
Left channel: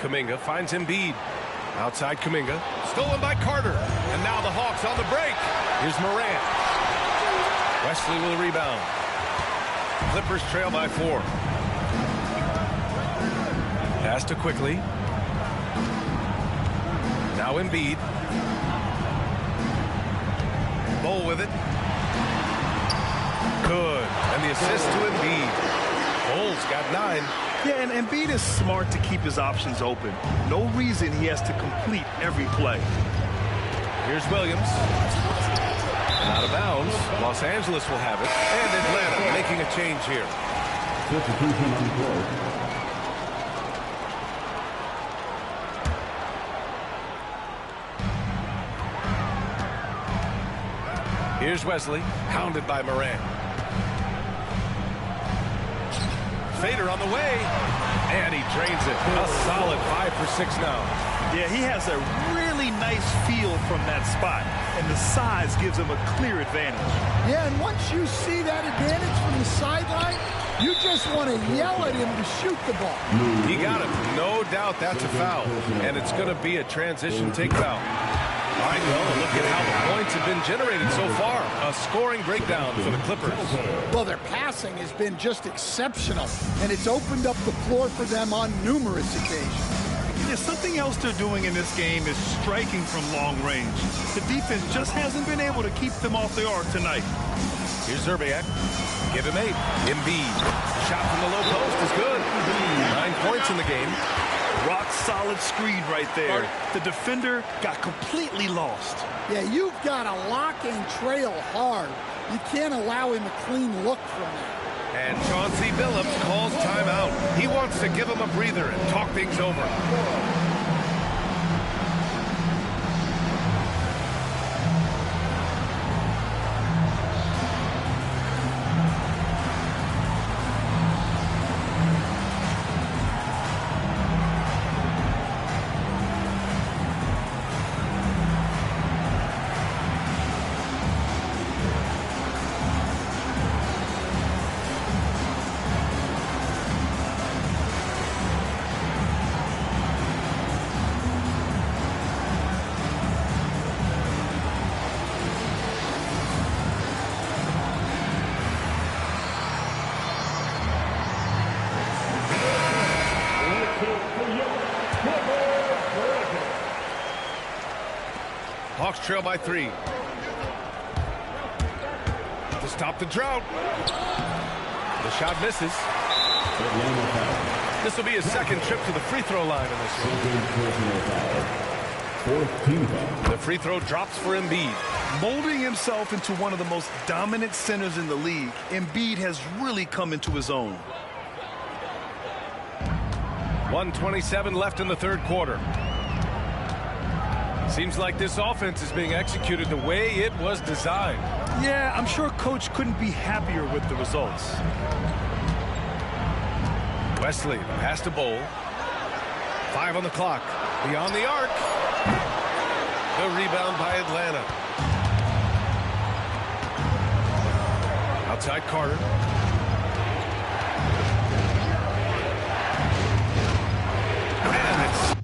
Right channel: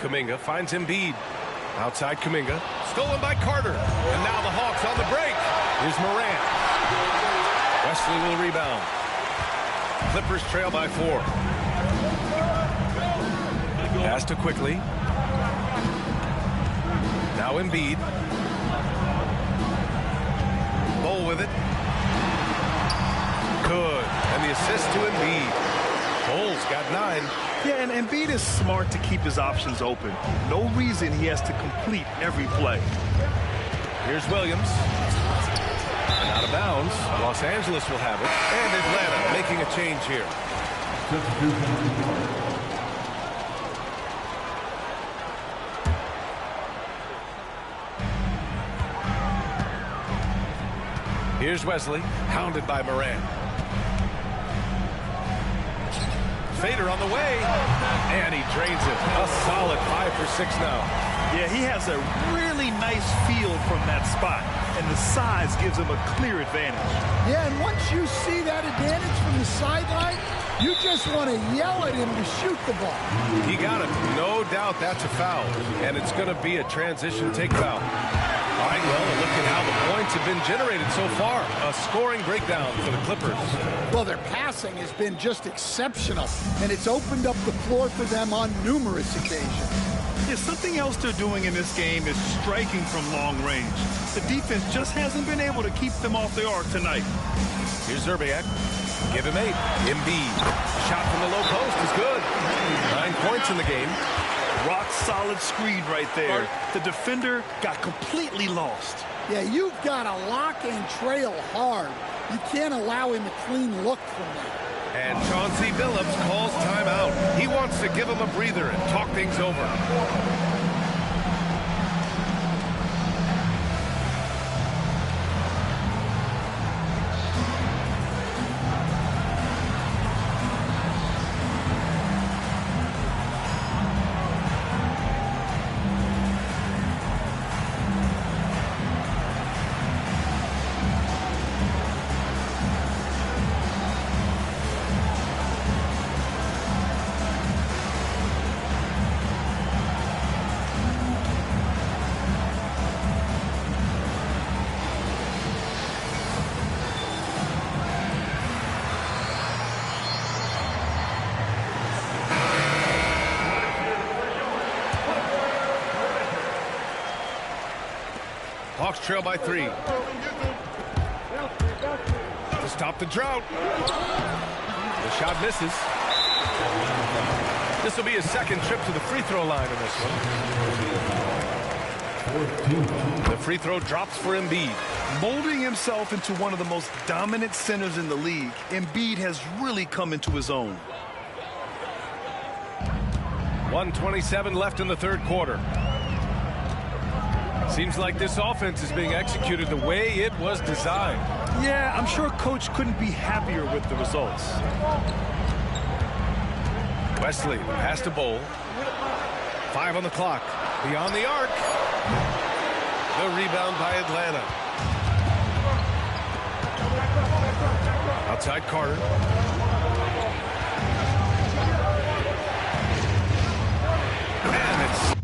Kuminga finds Embiid. Outside Kuminga. Stolen by Carter. And now the Hawks on the break. Here's Morant. Wesley will rebound. Clippers trail by 4. Pass to Quickly. Now Embiid. Bol with it. Good. And the assist to Embiid. Bol's got 9. Yeah, and Embiid is smart to keep his options open. No reason he has to complete every play. Here's Williams. And out of bounds. Los Angeles will have it. And Atlanta making a change here. Here's Wesley, hounded by Morant. Fader on the way, and he drains it. A solid 5 for 6 now. Yeah, he has a really nice feel from that spot, and the size gives him a clear advantage. Yeah, and once you see that advantage from the sideline, you just want to yell at him to shoot the ball. He got him. No doubt that's a foul, and it's going to be a transition take foul. All right, well, look at how the points have been generated so far. A scoring breakdown for the Clippers. Well, their passing has been just exceptional, and it's opened up the floor for them on numerous occasions. Yeah, something else they're doing in this game is striking from long range. The defense just hasn't been able to keep them off the arc tonight. Here's Zerbiak. Give him 8. Embiid. The shot from the low post is good. 9 points in the game. Rock solid screen right there. The defender got completely lost. Yeah, you've got to lock and trail hard. You can't allow him a clean look from that. And Chauncey Billups calls timeout. He wants to give him a breather and talk things over. Hawks trail by 3. To stop the drought. The shot misses. This will be his second trip to the free throw line in this one. The free throw drops for Embiid. Molding himself into one of the most dominant centers in the league, Embiid has really come into his own. 1:27 left in the third quarter. Seems like this offense is being executed the way it was designed. Yeah, I'm sure Coach couldn't be happier with the results. Wesley, the pass to Bowl. 5 on the clock. Beyond the arc. The rebound by Atlanta. Outside Carter. And it's...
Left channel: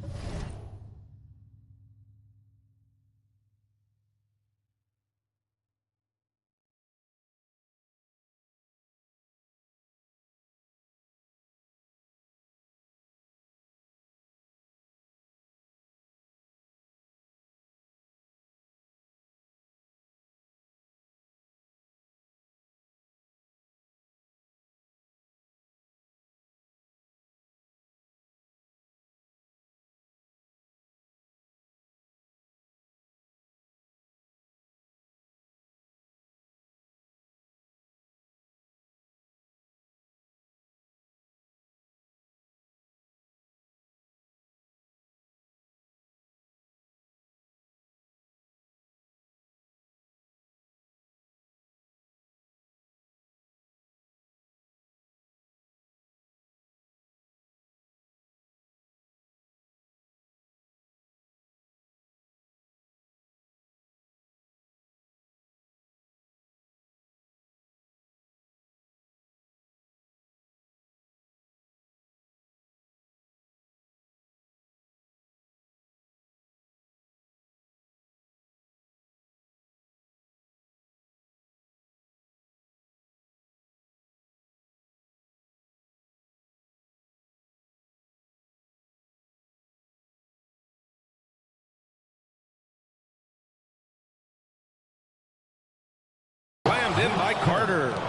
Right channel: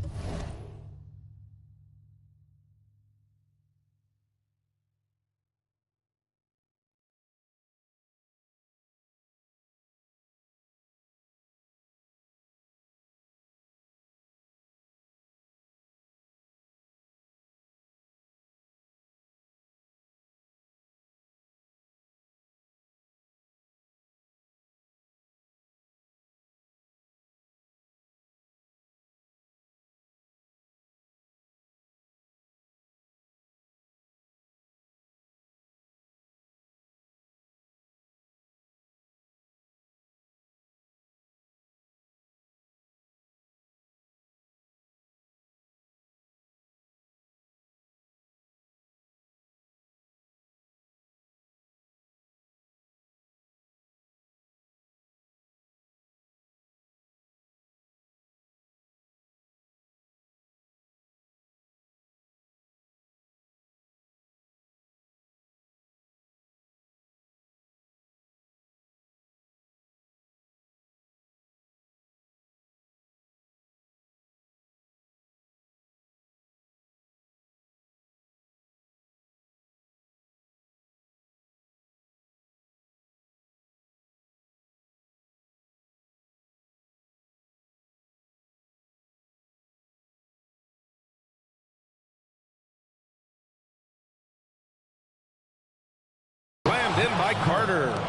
slammed in by Carter.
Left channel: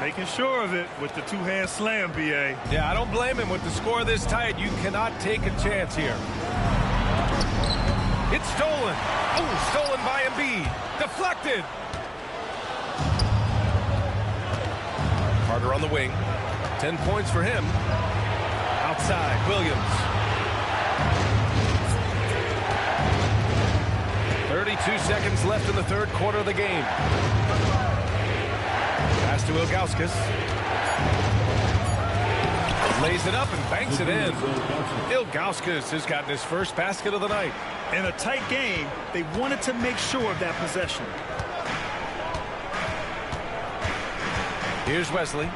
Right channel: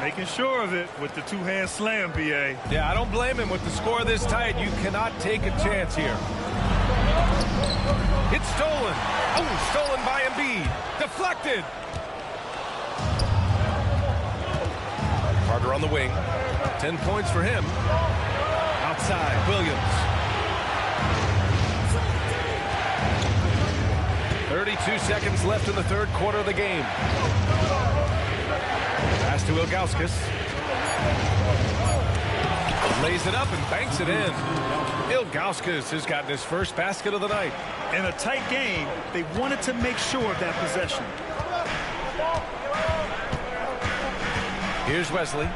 Making sure of it with the two-hand slam, B.A. Yeah, I don't blame him with the score this tight. You cannot take a chance here. It's stolen. Oh, stolen by Embiid. Deflected. Carter on the wing. 10 points for him. Outside, Williams. 32 seconds left in the third quarter of the game. Pass to Ilgauskas. Lays it up and banks it in. Ilgauskas has gotten his first basket of the night. In a tight game, they wanted to make sure of that possession. Here's Wesley.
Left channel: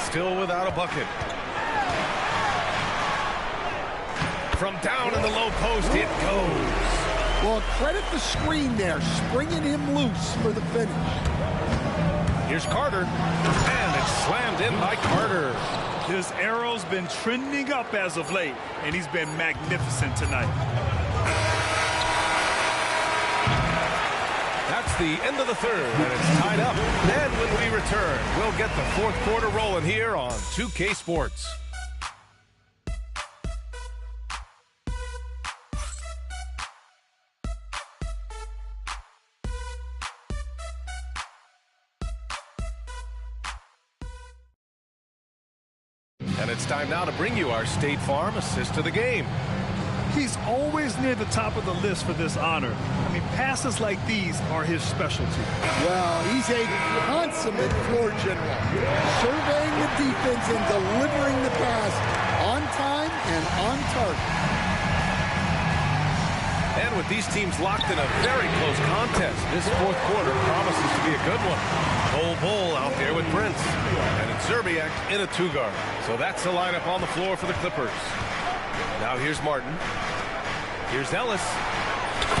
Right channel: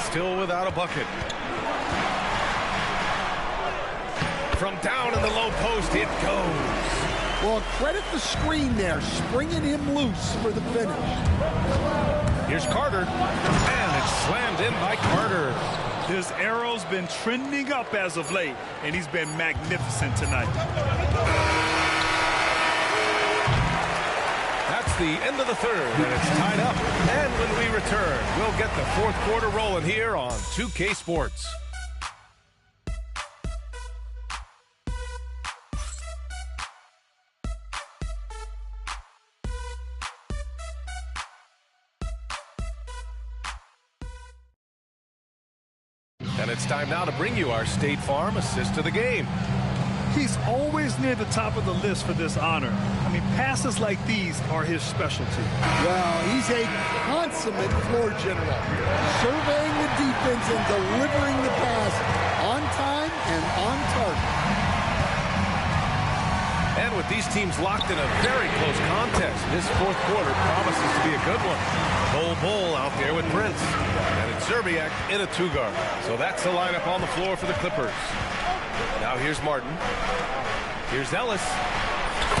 Still without a bucket. From down in the low post, it goes. Well, credit the screen there, springing him loose for the finish. Here's Carter, and it's slammed in by Carter. His arrow's been trending up as of late, and he's been magnificent tonight. That's the end of the third, and it's tied up. And when we return, we'll get the fourth quarter rolling here on 2K Sports. And it's time now to bring you our State Farm assist of the game. He's always near the top of the list for this honor. I mean, passes like these are his specialty. Well, he's a consummate floor general, surveying the defense and delivering the pass on time and on target. And with these teams locked in a very close contest, this fourth quarter promises to be a good one. Bull out there with Prince. And it's Zerbiak in a two-guard. So that's the lineup on the floor for the Clippers. Now here's Martin. Here's Ellis.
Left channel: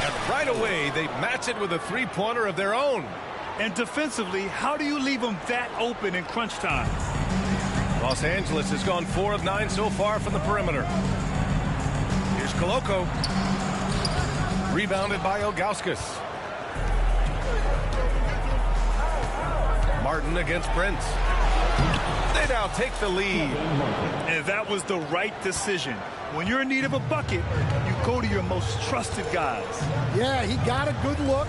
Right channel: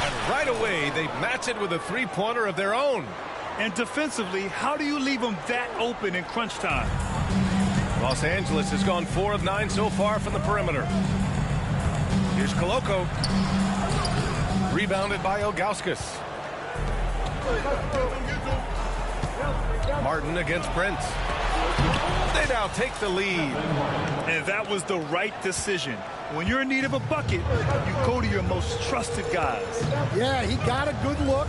And right away, they match it with a three-pointer of their own. And defensively, how do you leave them that open in crunch time? Los Angeles has gone 4 of 9 so far from the perimeter. Here's Koloko. Rebounded by Ilgauskas. Martin against Prince. They now take the lead. And that was the right decision. When you're in need of a bucket, you go to your most trusted guys. Yeah, he got a good look,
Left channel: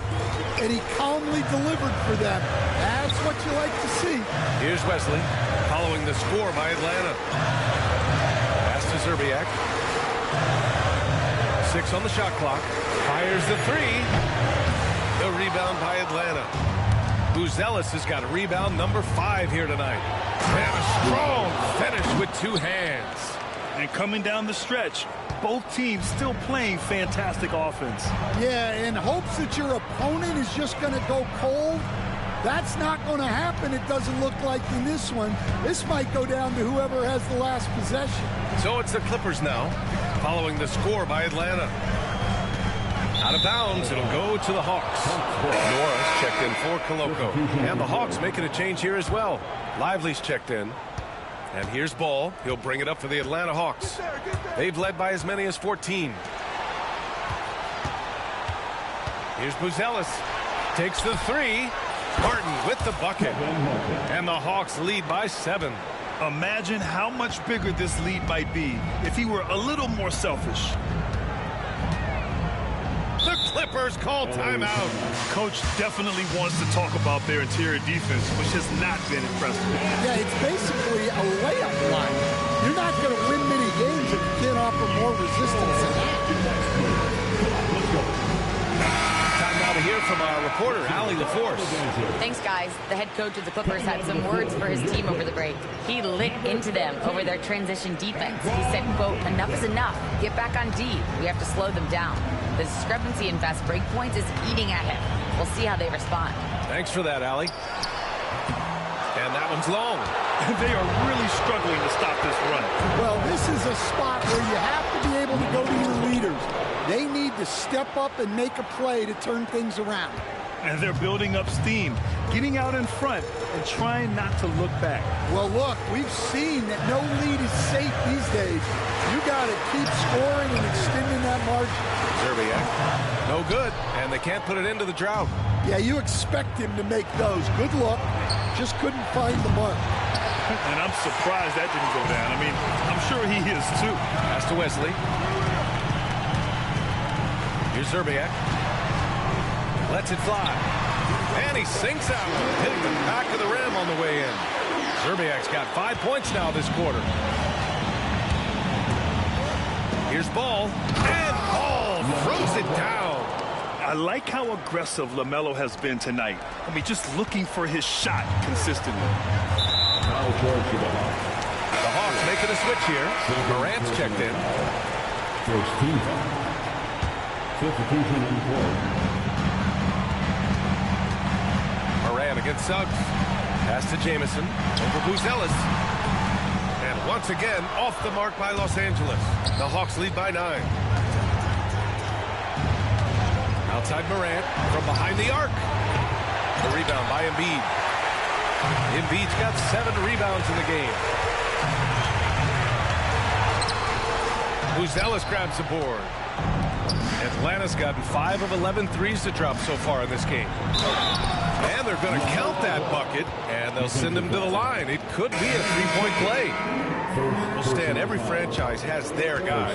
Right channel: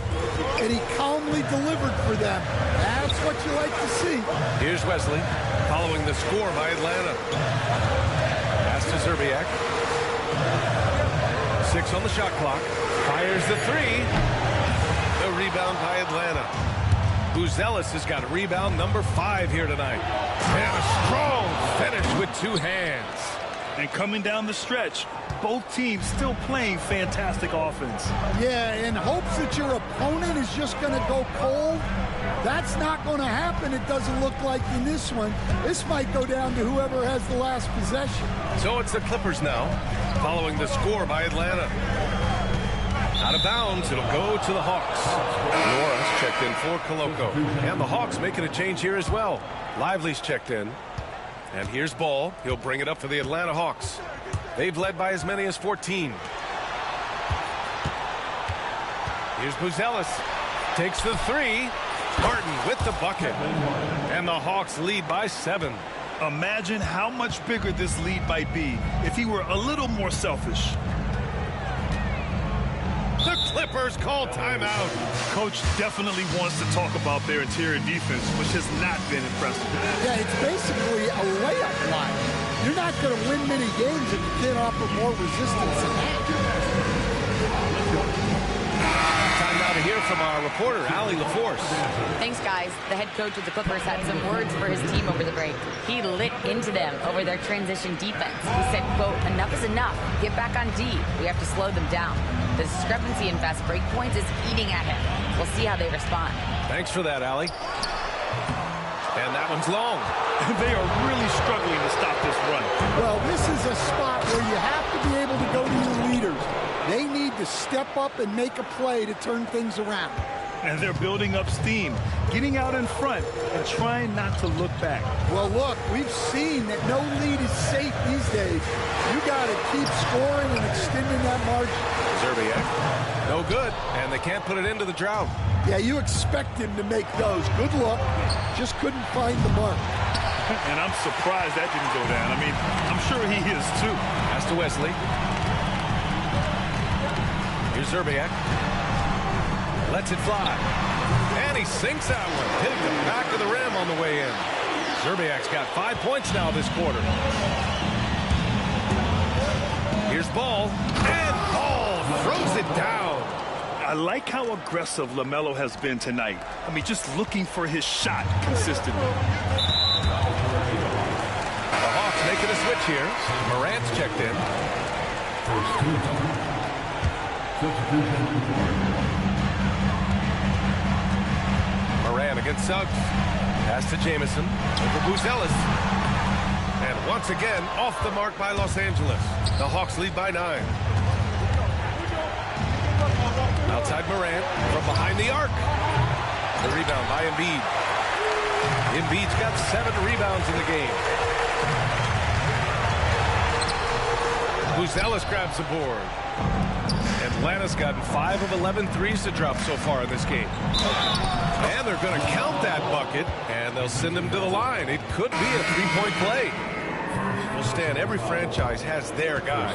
and he calmly delivered for them. That's what you like to see. Here's Wesley, following the score by Atlanta. Pass to Zerbiak. 6 on the shot clock. Fires the three. The rebound by Atlanta. Buzelis has got a rebound number 5 here tonight. And a strong finish with 2 hands. And coming down the stretch, both teams still playing fantastic offense. Yeah, in hopes that your opponent is just going to go cold. That's not going to happen, it doesn't look like in this one. This might go down to whoever has the last possession. So it's the Clippers now, following the score by Atlanta. Out of bounds, it'll go to the Hawks. Norris checked in for Koloko. And the Hawks making a change here as well. Lively's checked in. And here's Ball. He'll bring it up for the Atlanta Hawks. They've led by as many as 14. Here's Buzelis. Takes the 3. Martin with the bucket. And the Hawks lead by 7. Imagine how much bigger this lead might be if he were a little more selfish. The Clippers call timeout. Coach definitely wants to talk about their interior defense, which has not been impressive. Yeah, it's basically a layup line. You're not going to win many games if you can't offer more resistance than that. Time now to hear from our reporter, yr4. Thanks, guys. The head coach of the Clippers had some words for his team over the break. He lit into them over their transition defense. He said, quote, "Enough is enough. Get back on D. We have to slow them down. The discrepancy in fast break points is eating at him. We'll see how they respond." Thanks for that, Allie. And that one's long. They are really struggling to stop this run. Well, this is a spot where you have to be able to go to your leaders. They need to step up and make a play to turn things around. And they're building up steam, getting out in front and trying not to look back. Well, look, we've seen that no lead is safe these days. You got to keep scoring and extending that margin. Zerbiak, no good, and they can't put it into the drought. Yeah, you expect him to make those. Good luck. Just couldn't find the mark. And I'm surprised that didn't go down. I mean, I'm sure he is too. Pass to Wesley. Here's Zerbiak. Lets it fly. And he sinks that one, hitting the back of the rim on the way in. Zerbiak's got 5 points now this quarter. Here's Ball. And Ball throws it down. I like how aggressive LaMelo has been tonight. I mean, just looking for his shot consistently. The Hawks making a switch here. Morant's checked in. First team foul. Substitution on the court. Morant against Suggs. Pass to Jamison. Over Buzelis. And once again, off the mark by Los Angeles. The Hawks lead by 9. Outside Morant from behind the arc. The rebound by Embiid. Embiid's got 7 rebounds in the game. Buzelis grabs the board. Atlanta's gotten 5 of 11 threes to drop so far in this game. And they're going to count that bucket, and they'll send him to the line. It could be a 3-point play. Well, Stan, every franchise has their guy.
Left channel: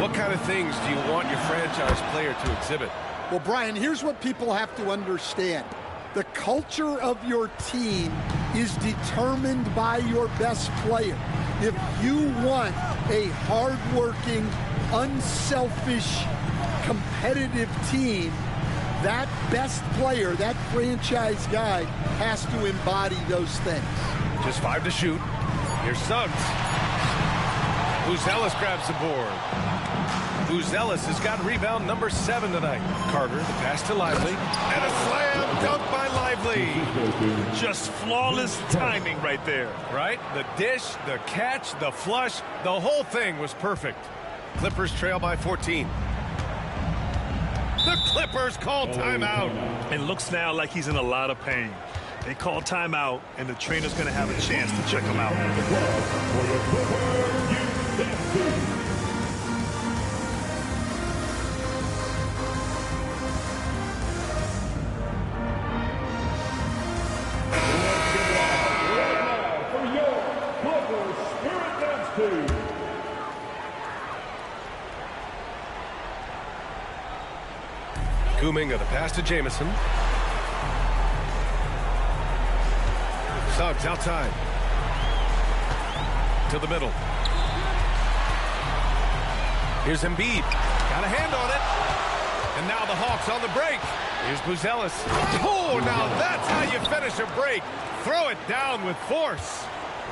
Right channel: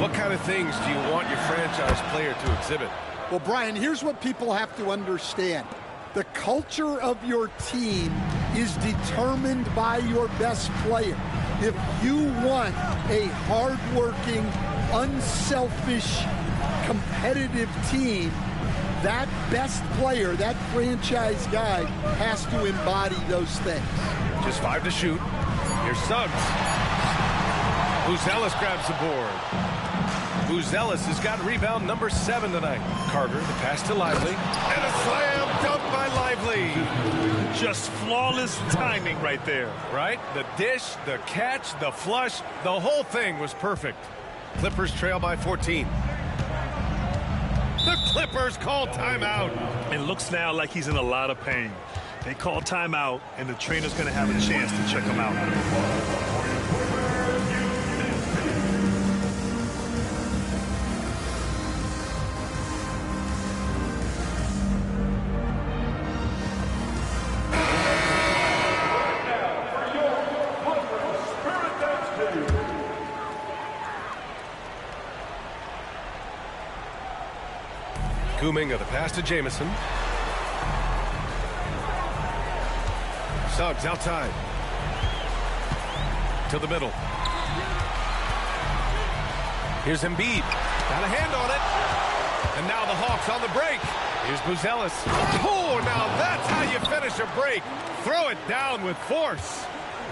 What kind of things do you want your franchise player to exhibit? Well, Brian, here's what people have to understand. The culture of your team is determined by your best player. If you want a hardworking, unselfish, competitive team, that best player, that franchise guy, has to embody those things. Just 5 to shoot. Here's Suggs. Buzelis grabs the board. Buzelis has got rebound number 7 tonight. Carter, the pass to Lively. And a slam dunk by Lively. Just flawless timing right there. Right? The dish, the catch, the flush, the whole thing was perfect. Clippers trail by 14. The Clippers call timeout. It looks now like he's in a lot of pain. They call timeout, and the trainer's going to have a chance to check him out. Kuminga, the pass to Jamison. Suggs outside. To the middle. Here's Embiid. Got a hand on it. And now the Hawks on the break. Here's Buzelis. Oh, now that's how you finish a break. Throw it down with force.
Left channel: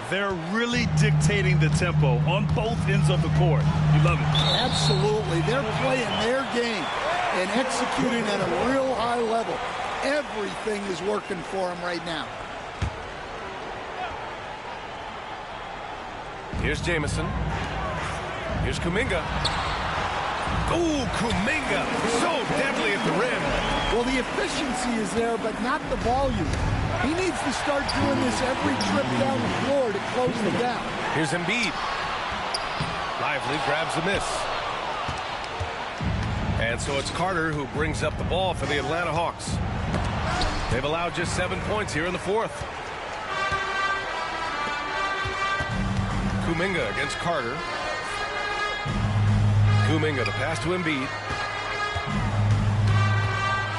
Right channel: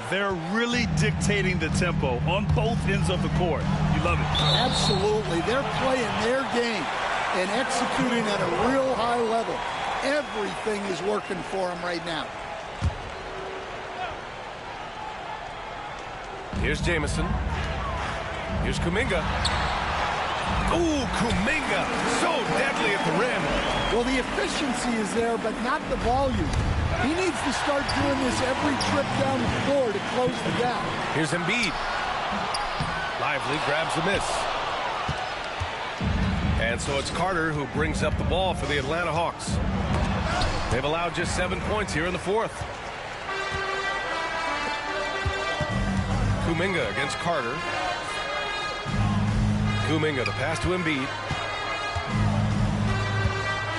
They're really dictating the tempo on both ends of the court. You love it. Absolutely. They're playing their game and executing at a real high level. Everything is working for them right now. Here's Jamison. Here's Kuminga. Ooh, Kuminga, so deadly at the rim. Well, the efficiency is there, but not the volume. He needs to start doing this every trip down the floor to close the gap. Here's Embiid. Lively grabs the miss. And so it's Carter who brings up the ball for the Atlanta Hawks. They've allowed just 7 points here in the fourth. Kuminga against Carter. Kuminga, the pass to Embiid.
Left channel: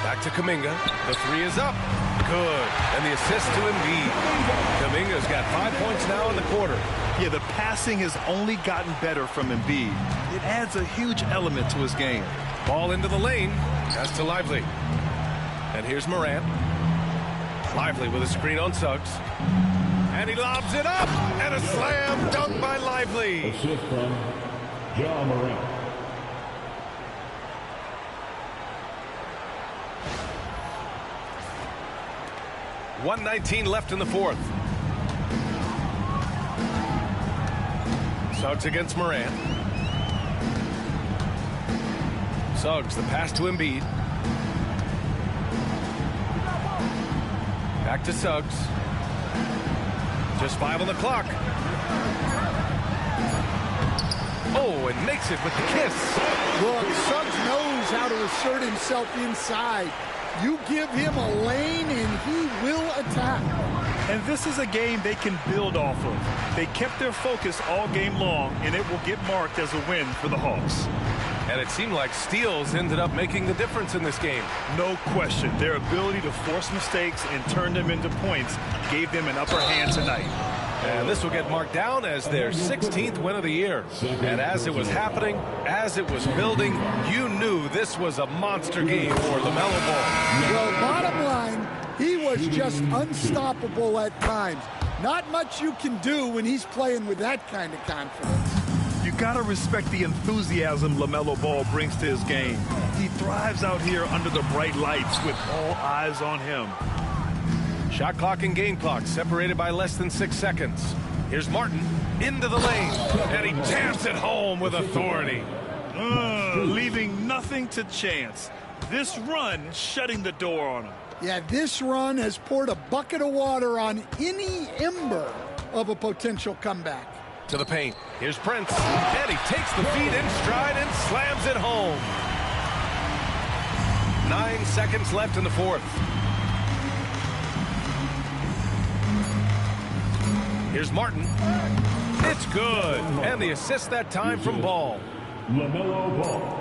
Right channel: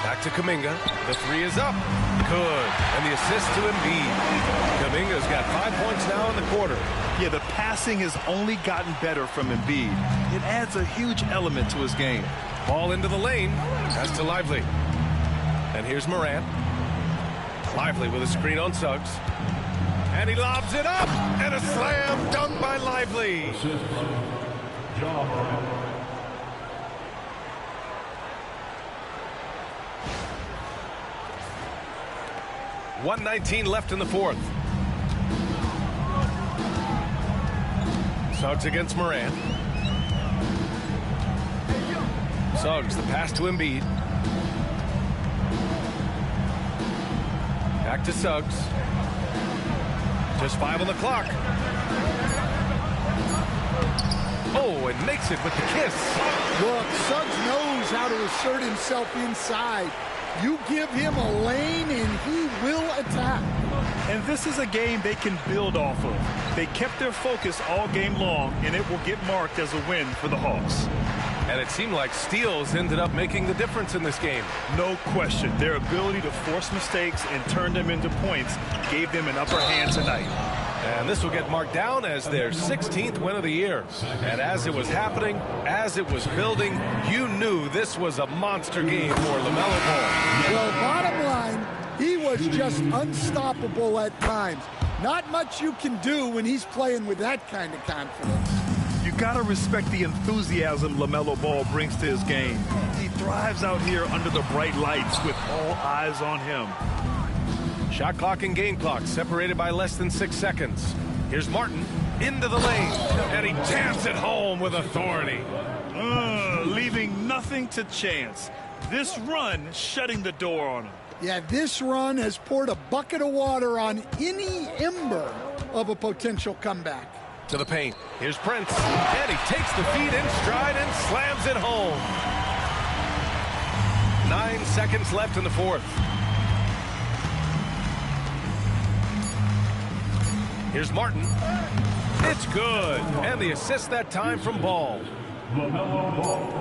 Back to Kuminga. The 3 is up. Good. And the assist to Embiid. Kuminga's got 5 points now in the quarter. Yeah, the passing has only gotten better from Embiid. It adds a huge element to his game. Ball into the lane. Pass to Lively. And here's Morant. Lively with a screen on Suggs. And he lobs it up. And a slam dunk by Lively. Assist from Ja Morant. .119 left in the fourth. Suggs against Morant. Suggs, the pass to Embiid. Back to Suggs. Just 5 on the clock. Oh, and makes it with the kiss. Look, Suggs knows how to assert himself inside. You give him a lane and he will attack. And this is a game they can build off of. They kept their focus all game long, and it will get marked as a win for the Hawks. And it seemed like steals ended up making the difference in this game. No question. Their ability to force mistakes and turn them into points gave them an upper hand tonight. And this will get marked down as their 16th win of the year. And as it was happening, as it was building, you knew this was a monster game for LaMelo Ball. Well, bottom line, he was just unstoppable at times. Not much you can do when he's playing with that kind of confidence. You gotta respect the enthusiasm LaMelo Ball brings to his game. He thrives out here under the bright lights with all eyes on him. Shot clock and game clock separated by less than 6 seconds. Here's Martin into the lane, and he jams it home with authority. Leaving nothing to chance. This run shutting the door on him. Yeah, this run has poured a bucket of water on any ember of a potential comeback. To the paint. Here's Prince, and he takes the feed in stride and slams it home. 9 seconds left in the fourth. Here's Martin. It's good. And the assist that time from Ball. LaMelo Ball.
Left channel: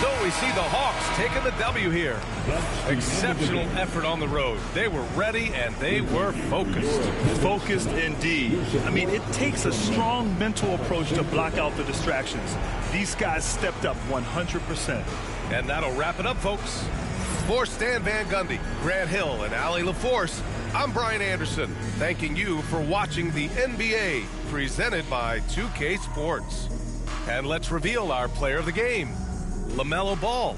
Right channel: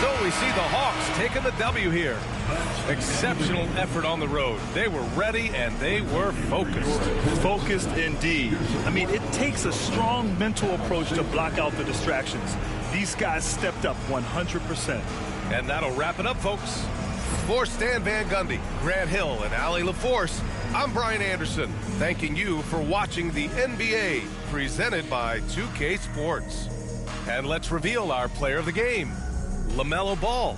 So we see the Hawks taking the W here. Exceptional effort on the road. They were ready and they were focused. Focused indeed. I mean, it takes a strong mental approach to block out the distractions. These guys stepped up 100%. And that'll wrap it up, folks. For Stan Van Gundy, Grant Hill, and Ali LaForce, I'm Brian Anderson, thanking you for watching the NBA presented by 2K Sports. And let's reveal our player of the game, LaMelo Ball.